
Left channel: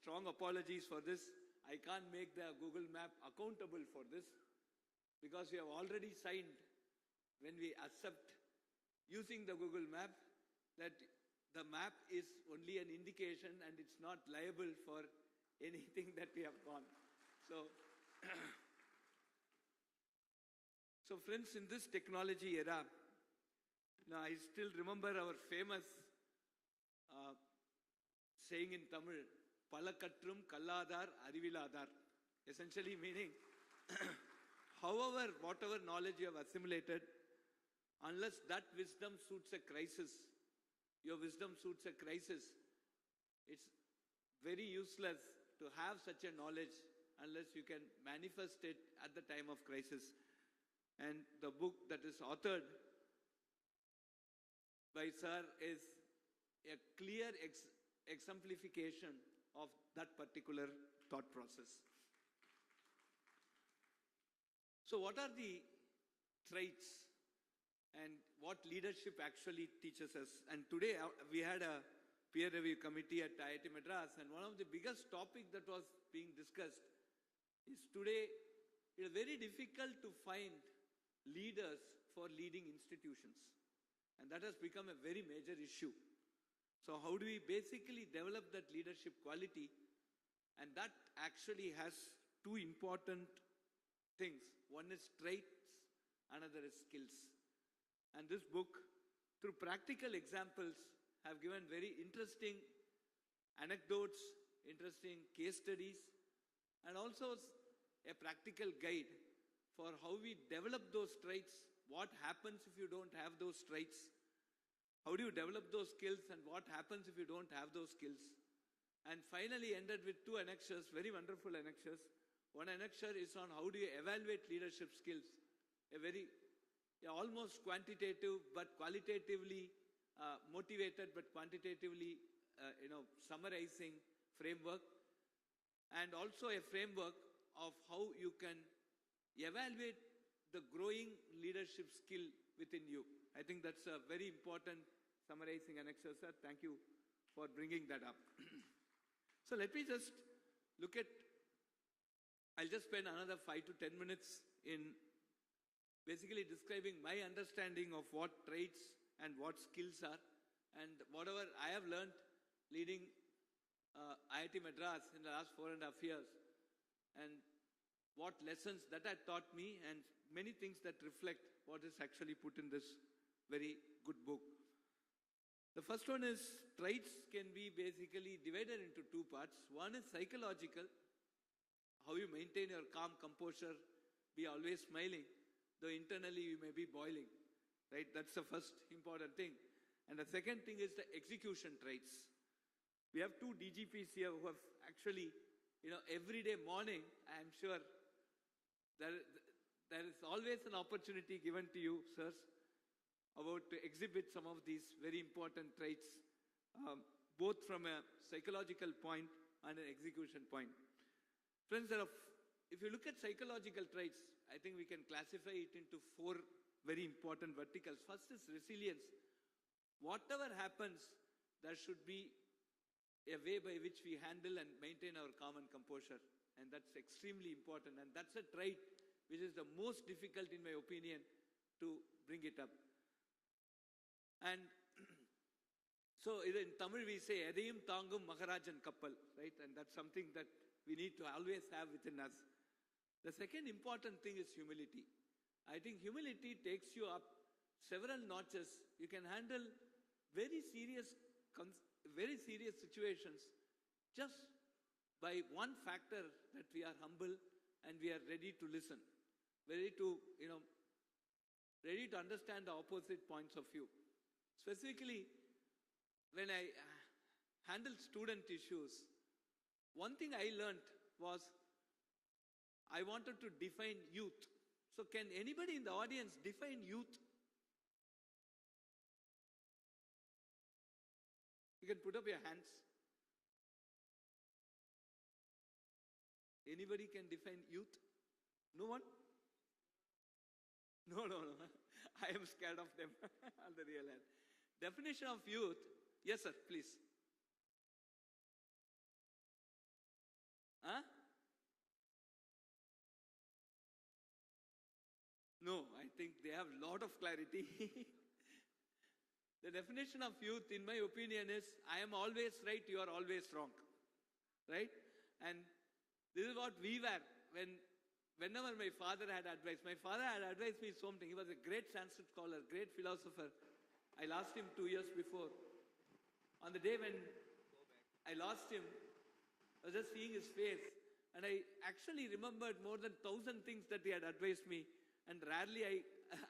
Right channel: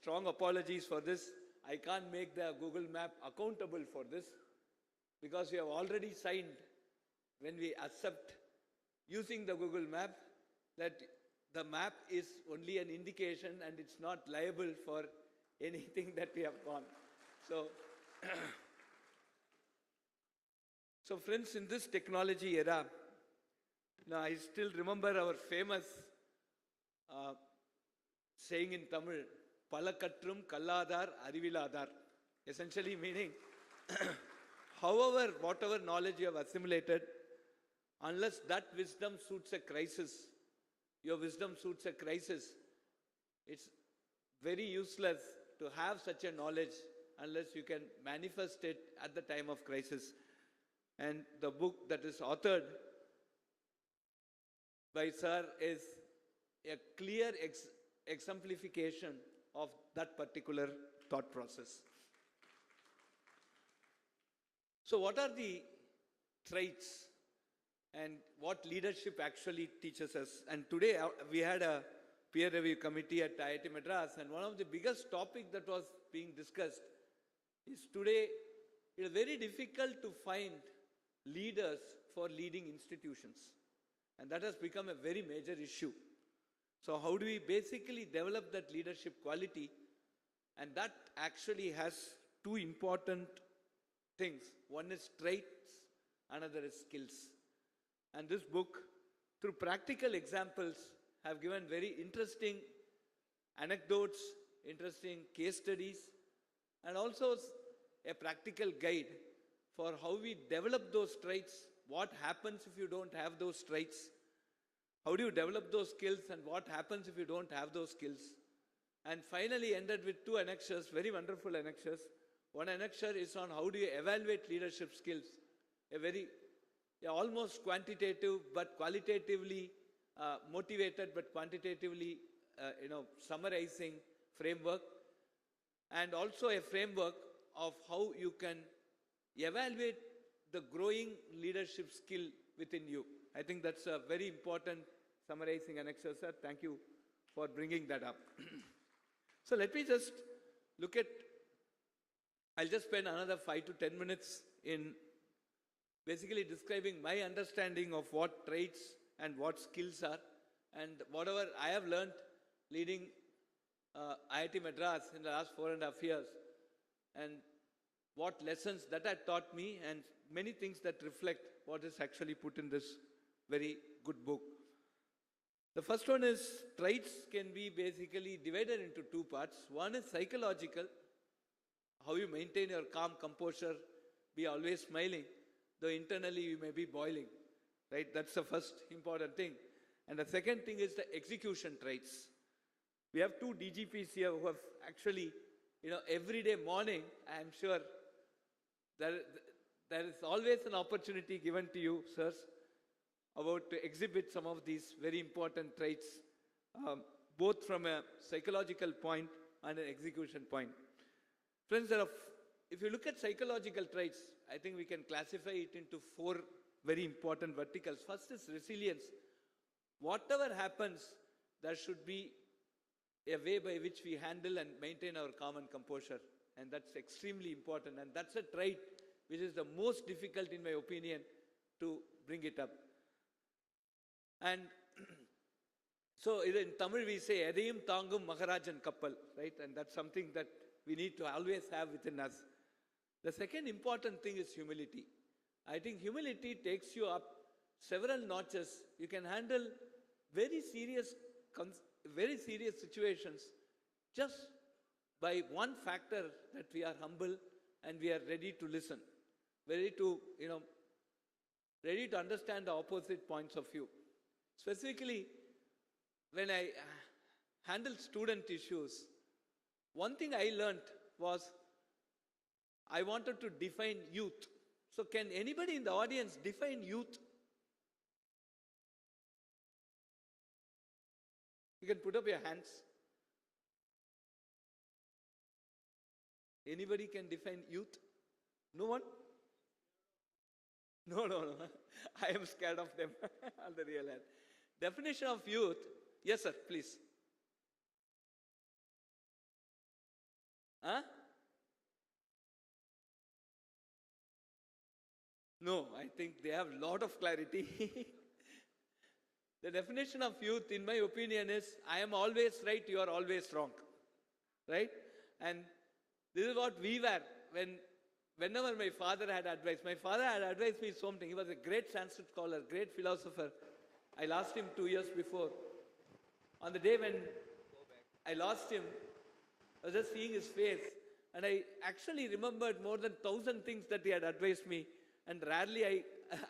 Strong apologies for this. I can't make the Google map accountable for this because we have already signed when we accept using the Google map that the map is only an indication and it's not liable for anything that we have gone. So, so friends, in this technology era, now I still remember our famous saying in Tamil, Palakatrum Kalladar Ariviladar, essentially meaning, however, whatever knowledge you have assimilated, unless that wisdom suits a crisis, your wisdom suits a crisis, it's very useless to have such a knowledge unless you can manifest it at the time of crisis. And the book that is authored by Sir is a clear exemplification of that particular thought process. So what are the traits and what leadership actually teaches us? And today we had a peer review committee at IIT Madras, and one of the biggest topics that was being discussed is today it is very difficult to find leaders for leading institutions. And that has become a very major issue. So how do we basically develop that leadership quality? And that actually has two important things. One is traits, another is skills. And this book, through practical examples, have given very interesting anecdotes, interesting case studies, and also a practical guide for how we develop those traits, what happens if you don't have those traits, how do you develop those skills, and what happens if you don't have those skills. And finally ended with two annexures, very wonderful annexures. One annexure is on how do you evaluate leadership skills, a very almost quantitative but qualitatively motivated but quantitatively summarizing framework, and also a framework of how you can evaluate the growing leadership skill within you. I think that's a very important summarizing annexure, sir. Thank you for bringing that up. So let me just look at, I'll just spend another 5 to 10 minutes in basically describing my understanding of what traits and what skills are, and whatever I have learned leading IIT Madras in the last 4.5 years, and what lessons that had taught me, and many things that reflect what is actually put in this very good book. The first one is traits can be basically divided into two parts. One is psychological, how you maintain your calm composure, be always smiling, though internally you may be boiling, right? That's the first important thing. And the second thing is the execution traits. We have two DGPs here who have actually, every day morning, I am sure there is always an opportunity given to you, sirs, about to exhibit some of these very important traits, both from a psychological point and an execution point. Friends, if you look at psychological traits, I think we can classify it into 4 very important verticals. First is resilience. Whatever happens, there should be a way by which we handle and maintain our calm and composure. And that's extremely important. And that's a trait which is the most difficult, in my opinion, to bring it up. And so in Tamil we say, Edayum Thangum Maharajan Kappal, right? And that's something that we need to always have within us. The second important thing is humility. I think humility takes you up several notches. You can handle very serious situations just by one factor, that we are humble and we are ready to listen, ready to understand the opposite points of view. Specifically, when I handle student issues, one thing I learned was I wanted to define youth. So can anybody in the audience define youth? You can put up your hands. Anybody can define youth? No one? No, no, no. I am scared of them on the real hand. Definition of youth. Yes, sir, please. Huh? No, I think they have a lot of clarity. The definition of youth, in my opinion, is I am always right, you are always wrong. Right? And this is what we were whenever my father had advice. My father had advised me something. He was a great Sanskrit scholar, great philosopher. I lost him 2 years before. On the day when I lost him, I was just seeing his face. And I actually remembered more than 1,000 things that he had advised me. And rarely I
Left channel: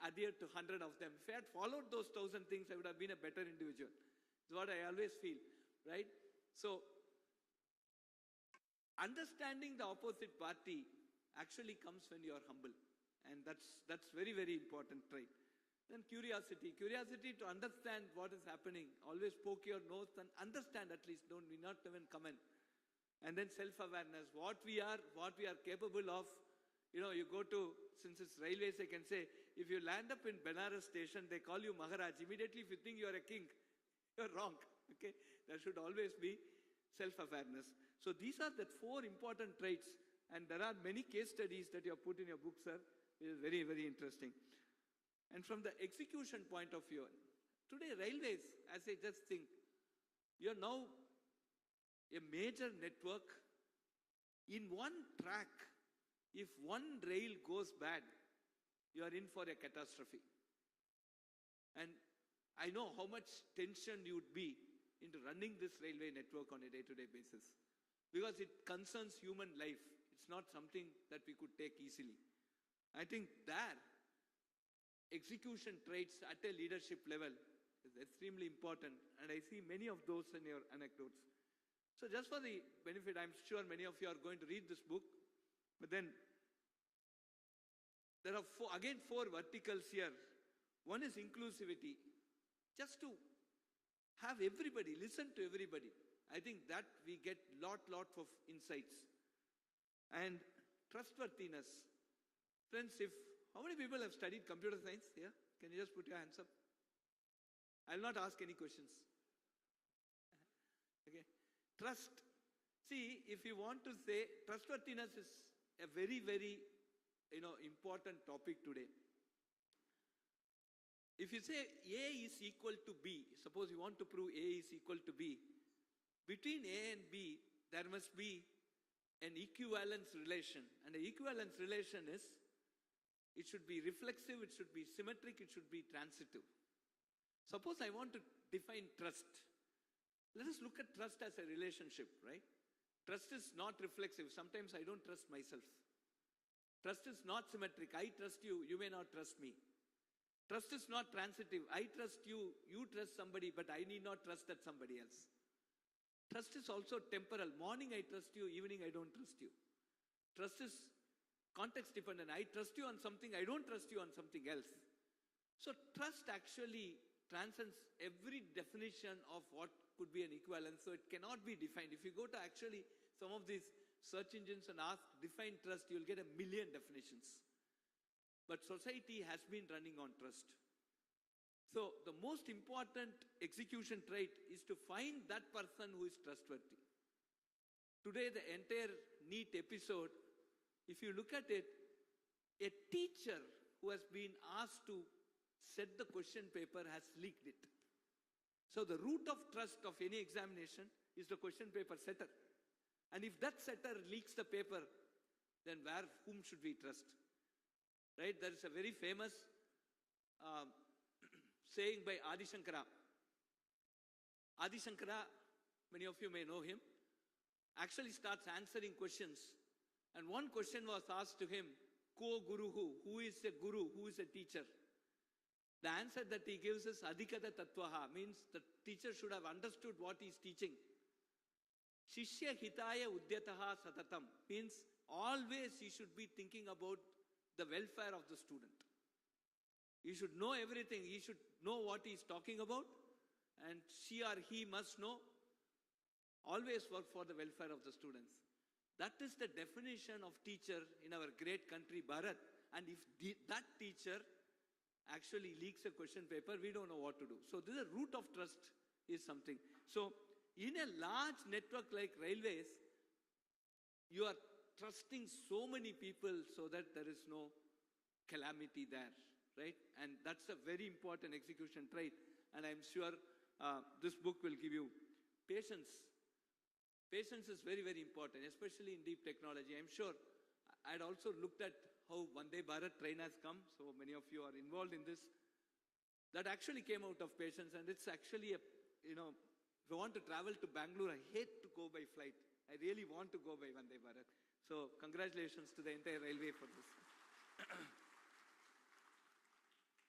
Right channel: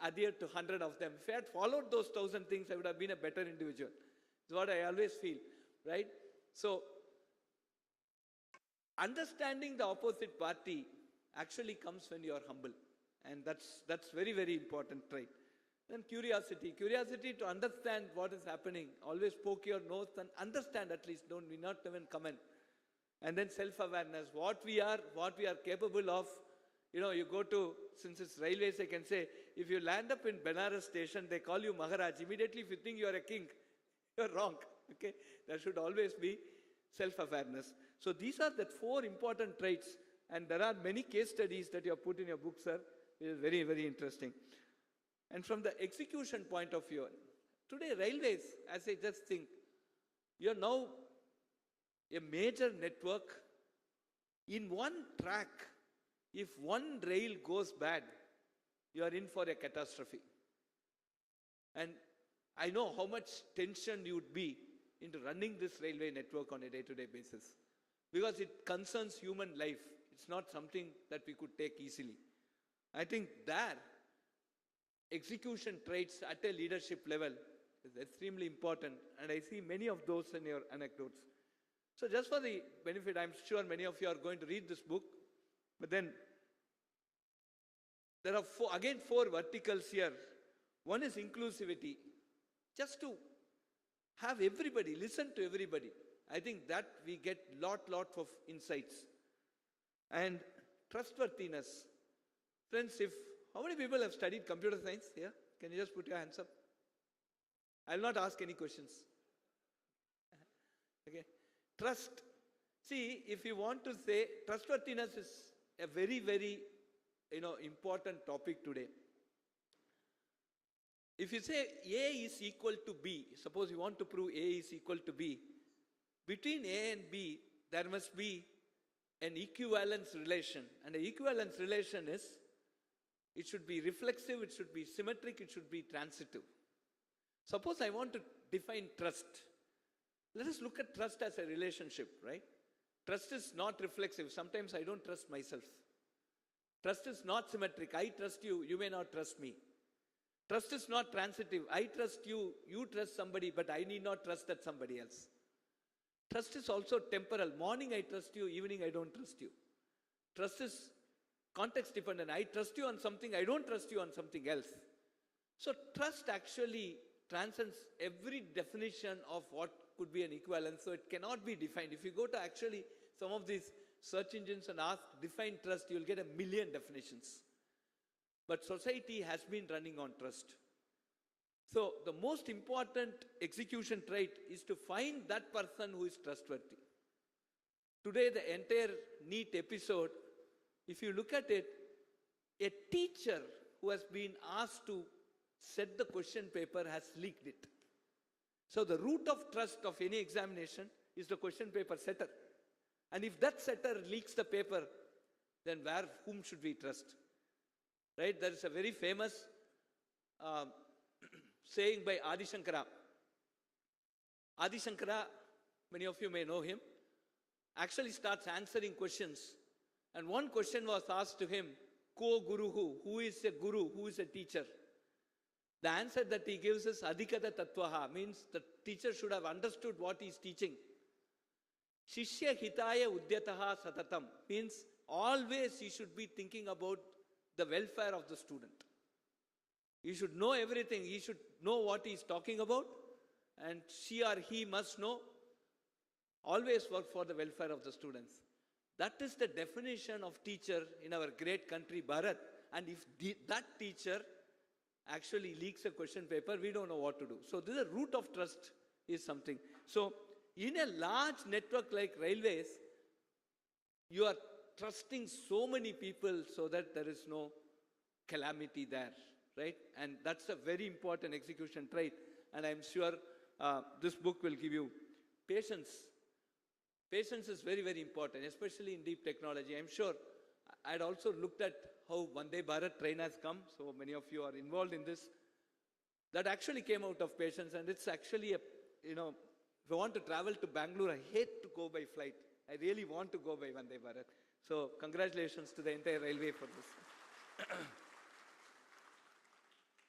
adhered to 100 of them. If I had followed those 1,000 things, I would have been a better individual. It's what I always feel, right? So, understanding the opposite party actually comes when you are humble. And that's very, very important trait. Then curiosity. Curiosity to understand what is happening. Always poke your nose and understand at least. Don't be not even comment. And then self-awareness. What we are capable of. You know, you go to, since it's railways, I can say, if you land up in Benares station, they call you Maharaj. Immediately, if you think you are a king, you're wrong. Okay? There should always be self-awareness. So these are the 4 important traits. And there are many case studies that you have put in your book, sir. It is very, very interesting. And from the execution point of view, today railways, as I just think, you're now a major network. In one track, if one rail goes bad, you are in for a catastrophe. And I know how much tension you would be into running this railway network on a day-to-day basis. Because it concerns human life. It's not something that we could take easily. I think there, execution traits at a leadership level is extremely important. And I see many of those in your anecdotes. So just for the benefit, I'm sure many of you are going to read this book. But then, there are 4 verticals here. One is inclusivity. Just to have everybody, listen to everybody. I think that we get lot of insights. And trustworthiness. Friends, how many people have studied computer science here? Can you just put your hands up? I will not ask any questions. Okay. Trust. See, if you want to say, trustworthiness is a very, very, important topic today. If you say A is equal to B, suppose you want to prove A is equal to B, between A and B, there must be an equivalence relation. And the equivalence relation is, it should be reflexive, it should be symmetric, it should be transitive. Suppose I want to define trust. Let us look at trust as a relationship, right? Trust is not reflexive. Sometimes I don't trust myself. Trust is not symmetric. I trust you, you may not trust me. Trust is not transitive. I trust you, you trust somebody, but I need not trust that somebody else. Trust is also temporal. Morning I trust you, evening I don't trust you. Trust is context dependent. I trust you on something, I don't trust you on something else. So trust actually transcends every definition of what could be an equivalence. So it cannot be defined. If you go to actually some of these search engines and ask define trust, you'll get 1 million definitions. But society has been running on trust. So the most important execution trait is to find that person who is trustworthy. Today the entire NEET episode, if you look at it, a teacher who has been asked to set the question paper has leaked it. So the root of trust of any examination is the question paper setter. And if that setter leaks the paper, then whom should we trust? Right? There is a very famous saying by Adi Shankara. Adi Shankara, many of you may know him, actually starts answering questions. And one question was asked to him, Ko Guru who is a guru, who is a teacher? The answer that he gives is Adhikata Tattvaha, means the teacher should have understood what he is teaching. Shishya Hitaya Udyataha Satatam, means always he should be thinking about the welfare of the student. He should know everything. He should know what he is talking about, and she or he must know. Always work for the welfare of the students. That is the definition of teacher in our great country, Bharat. And if that teacher actually leaks a question paper, we don't know what to do. So this is a root of trust is something. So in a large network like railways, you are trusting so many people so that there is no calamity there, right? And that's a very important execution trait. And I'm sure this book will give you patience. Patience is very, very important, especially in deep technology. I'm sure I'd also looked at how Vande Bharat train has come. So many of you are involved in this. That actually came out of patience, and it's actually a, if I want to travel to Bangalore, I hate to go by flight. I really want to go by Vande Bharat. So congratulations to the entire railway for this.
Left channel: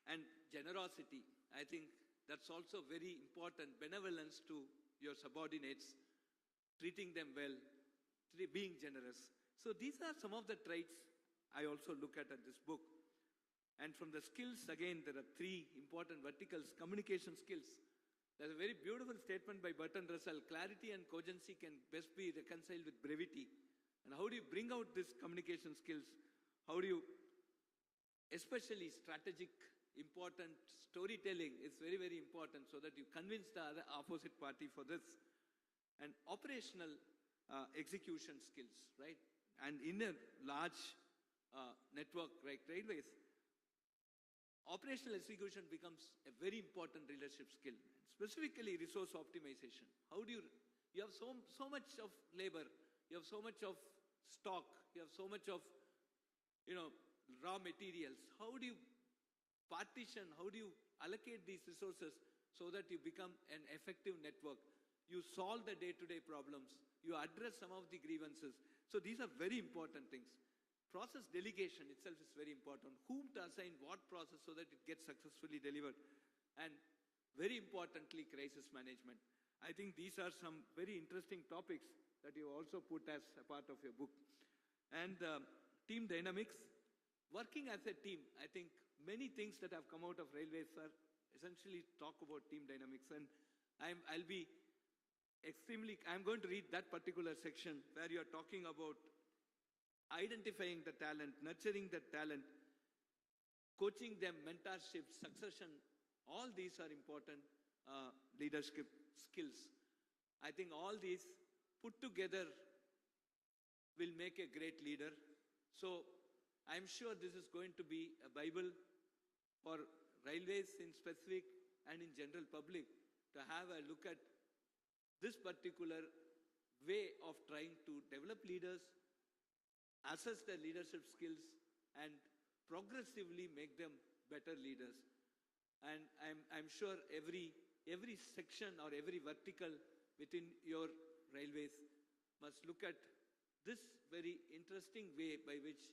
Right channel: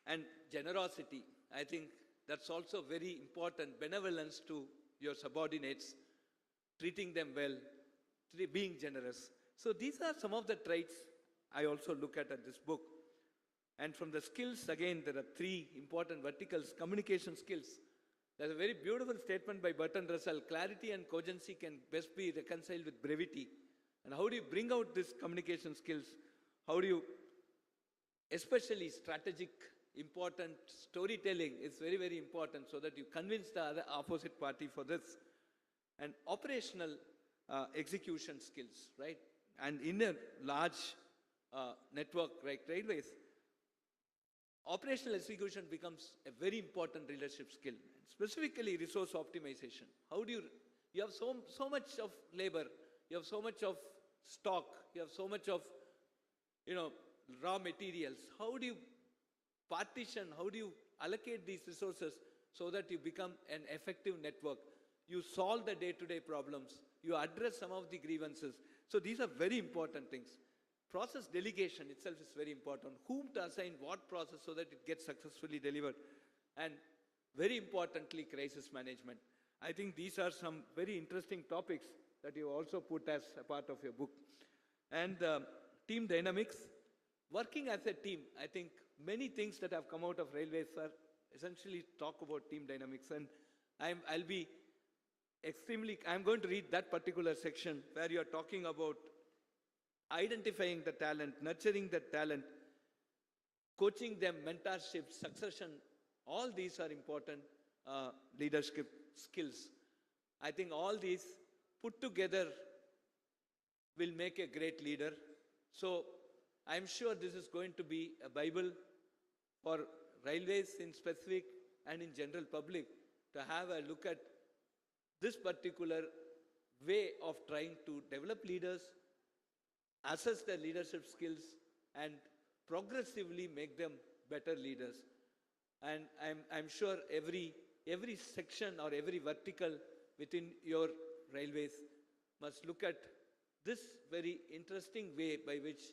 And generosity, I think that's also very important. Benevolence to your subordinates, treating them well, being generous. So these are some of the traits I also look at this book. And from the skills, again, there are three important verticals. Communication skills. There's a very beautiful statement by Bertrand Russell. Clarity and cogency can best be reconciled with brevity. And how do you bring out these communication skills? How do you, especially strategic, important storytelling is very, very important so that you convince the other opposite party for this. And operational execution skills, right? And in a large network like railways, operational execution becomes a very important leadership skill. Specifically, resource optimization. How do you have so much of labor, you have so much of stock, you have so much of, raw materials. How do you partition, how do you allocate these resources so that you become an effective network? You solve the day-to-day problems. You address some of the grievances. So these are very important things. Process delegation itself is very important. Whom to assign what process so that it gets successfully delivered. And very importantly, crisis management. I think these are some very interesting topics that you also put as a part of your book. And team dynamics. Working as a team, I think many things that have come out of railways are essentially talk about team dynamics. And I'm going to read that particular section where you're talking about identifying the talent, nurturing the talent, coaching them, mentorship, succession. All these are important leadership skills. I think all these put together will make a great leader. So I'm sure this is going to be a Bible for railways in specific and in general public to have a look at this particular way of trying to develop leaders, assess their leadership skills, and progressively make them better leaders. And I'm sure every section or every vertical within your railways must look at this very interesting way by which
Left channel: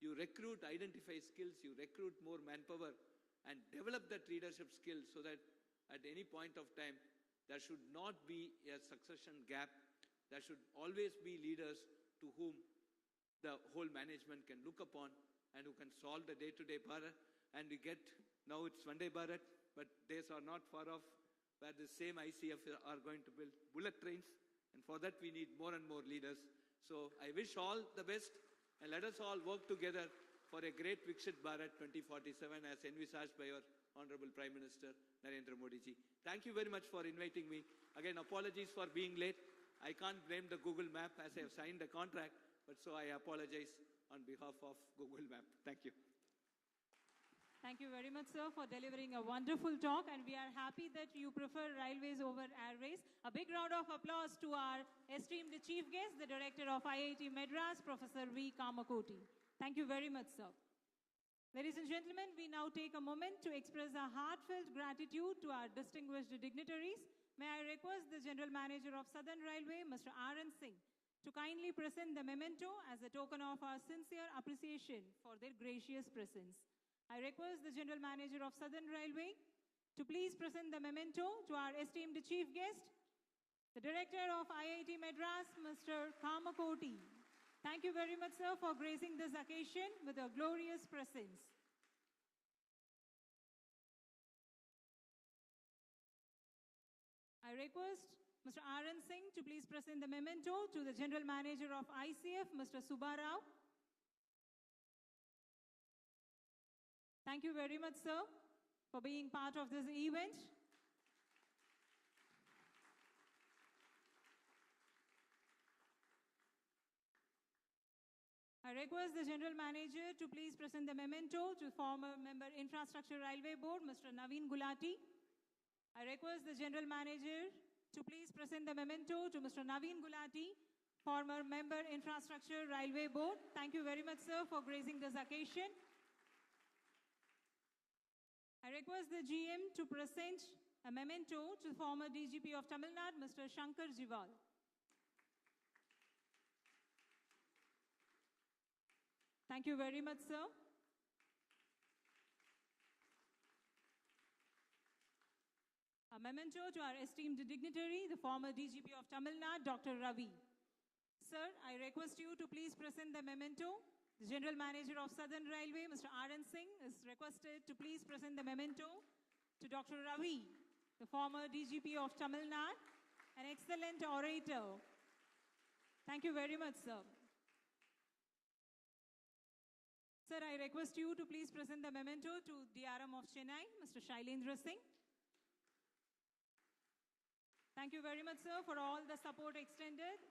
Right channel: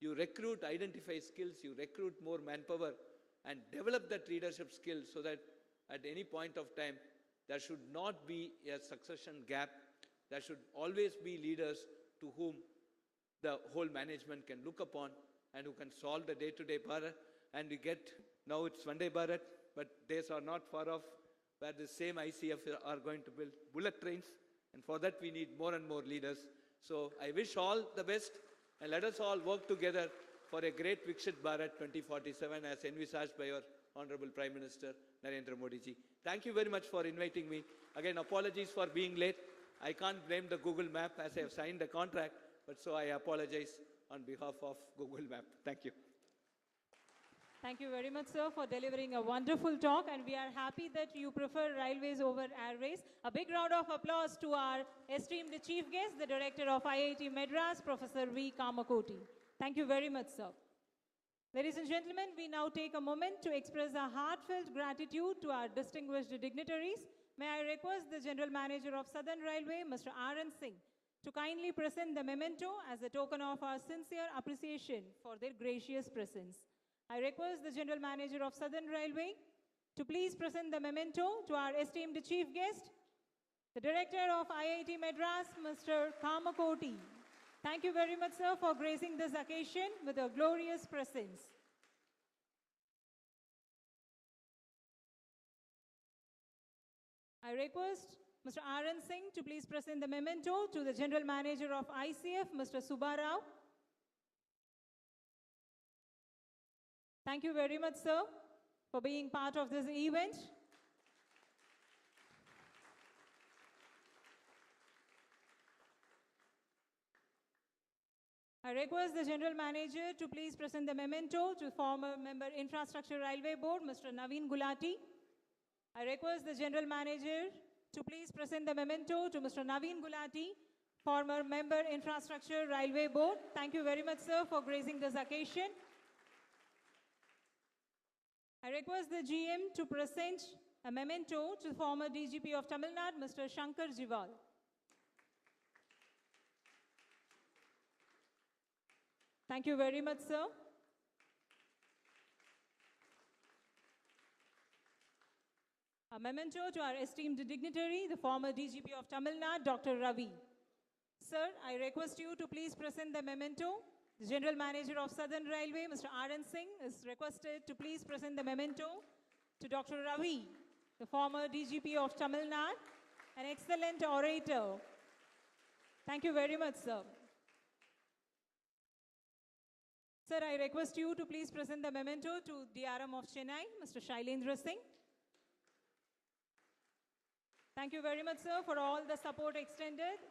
you recruit, identify skills, you recruit more manpower, and develop that leadership skill so that at any point of time, there should not be a succession gap. There should always be leaders to whom the whole management can look upon and who can solve the day-to-day Bharat. And we get, now it's Vande Bharat, but days are not far off where the same ICF are going to build bullet trains. And for that, we need more and more leaders. So I wish all the best, and let us all work together for a great Viksit Bharat 2047 as envisaged by your Honorable Prime Minister Narendra Modi ji. Thank you very much for inviting me. Again, apologies for being late. I can't blame the Google Map as I have signed the contract, but so I apologize on behalf of Google Map. Thank you. Thank you very much, sir, for delivering a wonderful talk, and we are happy that you prefer railways over airways. A big round of applause to our esteemed chief guest, the director of IIT Madras, Professor V. Kamakoti. Thank you very much, sir. Ladies and gentlemen, we now take a moment to express our heartfelt gratitude to our distinguished dignitaries. May I request the General Manager of Southern Railway, Mr. R.N. Singh, to kindly present the memento as a token of our sincere appreciation for their gracious presence. I request the General Manager of Southern Railway to please present the memento to our esteemed chief guest, the Director of IIT Madras, Mr. Kamakoti. Thank you very much, sir, for gracing this occasion with a glorious presence. I request Mr. R.N. Singh to please present the memento to the General Manager of ICF, Mr. Subbarao. Thank you very much, sir, for being part of this event. I request the General Manager to please present the memento to former Member Infrastructure Railway Board, Mr. Naveen Gulati. I request the General Manager to please present the memento to Mr. Naveen Gulati, former Member Infrastructure Railway Board. Thank you very much, sir, for gracing this occasion. I request the GM to present a memento to former DGP of Tamil Nadu, Mr. Shankar Jival. Thank you very much, sir. A memento to our esteemed dignitary, the former DGP of Tamil Nadu, Dr. Ravi. Sir, I request you to please present the memento. The General Manager of Southern Railway, Mr. R.N. Singh, is requested to please present the memento to Dr. Ravi, the former DGP of Tamil Nadu, an excellent orator. Thank you very much, sir. Sir, I request you to please present the memento to DRM of Chennai, Mr. Shailendra Singh. Thank you very much, sir, for all the support extended.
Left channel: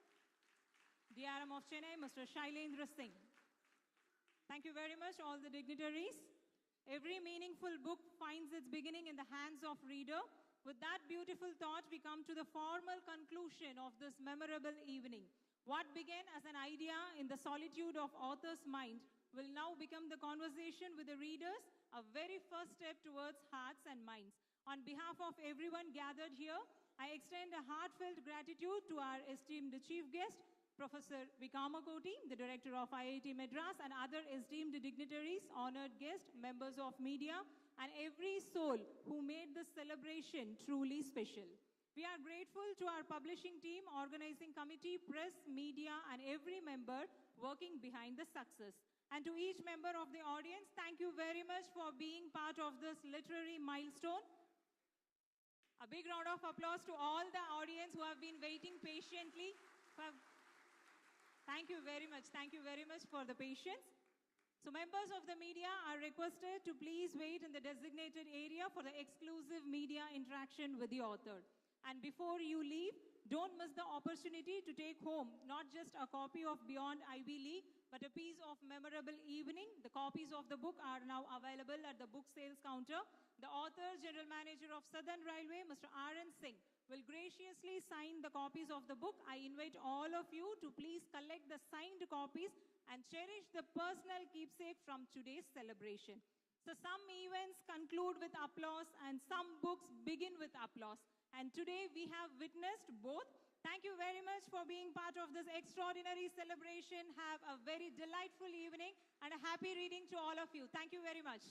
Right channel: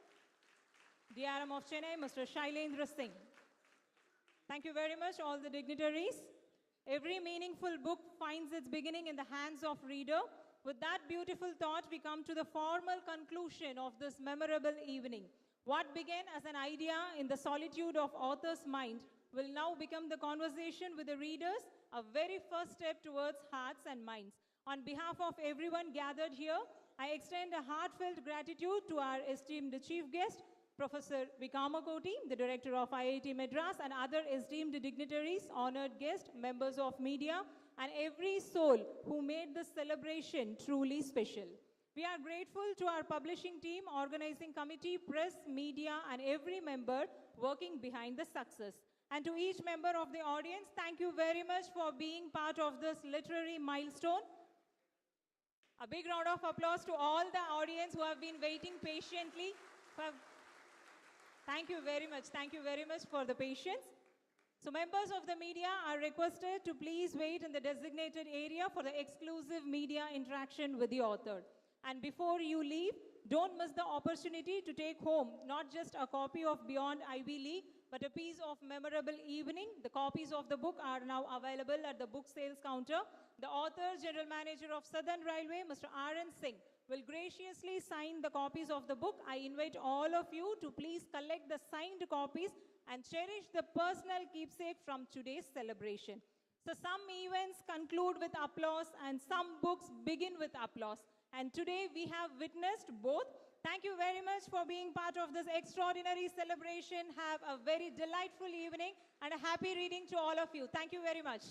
DRM of Chennai, Mr. Shailendra Singh. Thank you very much, all the dignitaries. Every meaningful book finds its beginning in the hands of reader. With that beautiful thought, we come to the formal conclusion of this memorable evening. What began as an idea in the solitude of author's mind will now become the conversation with the readers, a very first step towards hearts and minds. On behalf of everyone gathered here, I extend a heartfelt gratitude to our esteemed chief guest, Professor Vikamakoti, the director of IIT Madras, and other esteemed dignitaries, honored guests, members of media, and every soul who made this celebration truly special. We are grateful to our publishing team, organizing committee, press, media, and every member working behind the success. And to each member of the audience, thank you very much for being part of this literary milestone. A big round of applause to all the audience who have been waiting patiently. Thank you very much. Thank you very much for the patience. So members of the media are requested to please wait in the designated area for the exclusive media interaction with the author. And before you leave, don't miss the opportunity to take home not just a copy of Beyond Ivy League, but a piece of memorable evening. The copies of the book are now available at the book sales counter. The author, General Manager of Southern Railway, Mr. R.N. Singh, will graciously sign the copies of the book. I invite all of you to please collect the signed copies and cherish the personal keepsake from today's celebration. So some events conclude with applause and some books begin with applause. And today we have witnessed both. Thank you very much for being part of this extraordinary celebration. Have a very delightful evening and a happy reading to all of you. Thank you very much.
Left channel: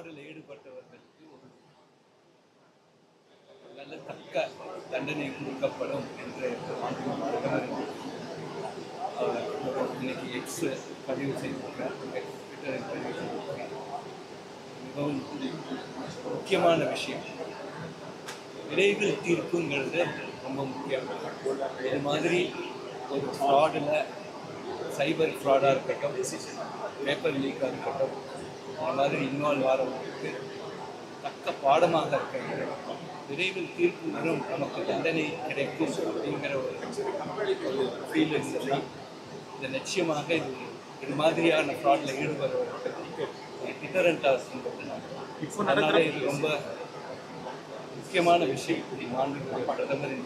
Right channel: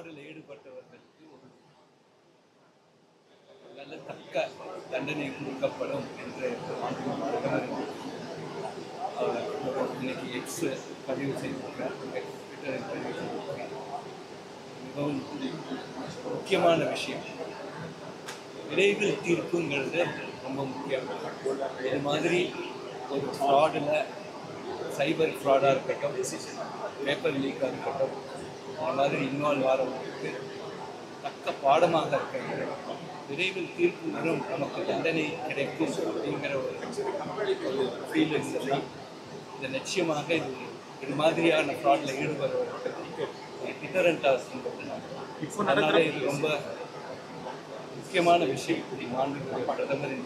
ஃப்ராடில் ஈடுபட்டவர்களுக்கு ஒரு நல்ல தக்க தண்டனை கொடுக்கப்படும் என்று அவர் இன்னைக்கு X பதிவு செய்திருக்கிறார், ட்விட்டரில் பதிவு செய்திருக்கிறார். மிகவும் முக்கியமான விஷயம். விரைவில் தீர்ப்புங்கிறது ரொம்ப முக்கியம். இது மாதிரி ஒரு ஃப்ராடில் சைபர் ஃப்ராடாக இருக்கட்டும், பேப்பர் லீக்காக இருக்கட்டும், இந்த மாதிரி இன்வால்வ் ஆகிறவங்களுக்கு தக்க பாடமாக இருக்கிறது. விரைவில் தீர்ப்பு வரும், நமக்கு தண்டனை கிடைக்கும் அப்படிங்கிற ஒரு ஃபீல் இருந்தது. இது நிச்சயமாக இது மாதிரியான ஃப்ராடில் ஈடுபடுறவர்களுக்கு டிட்டரண்டாக இருக்கின்றது. அதனால இது ரொம்ப முக்கியமான விஷயம். மாண்புமிகு பிரதமர்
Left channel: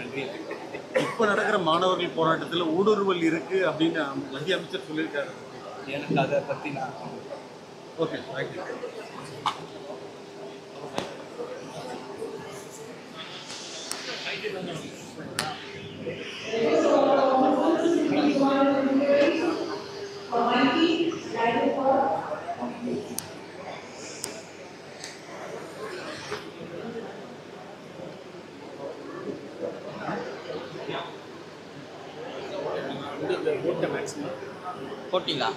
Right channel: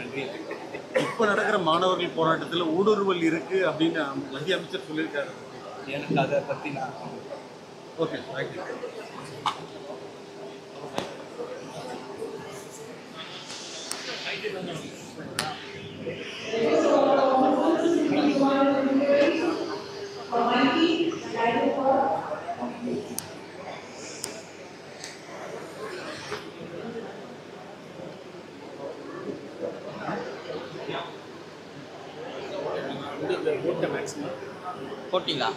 நன்றி. இப்போ நடக்கிற மாணவர்கள் போராட்டத்தில் ஊடுருவல் இருக்கு அப்படின்னு மத்திய அமைச்சர் சொல்லியிருக்காரு. எனக்கு அதை பற்றி நான் ஓகே, தேங்க்யூ. போட்டிங்களா?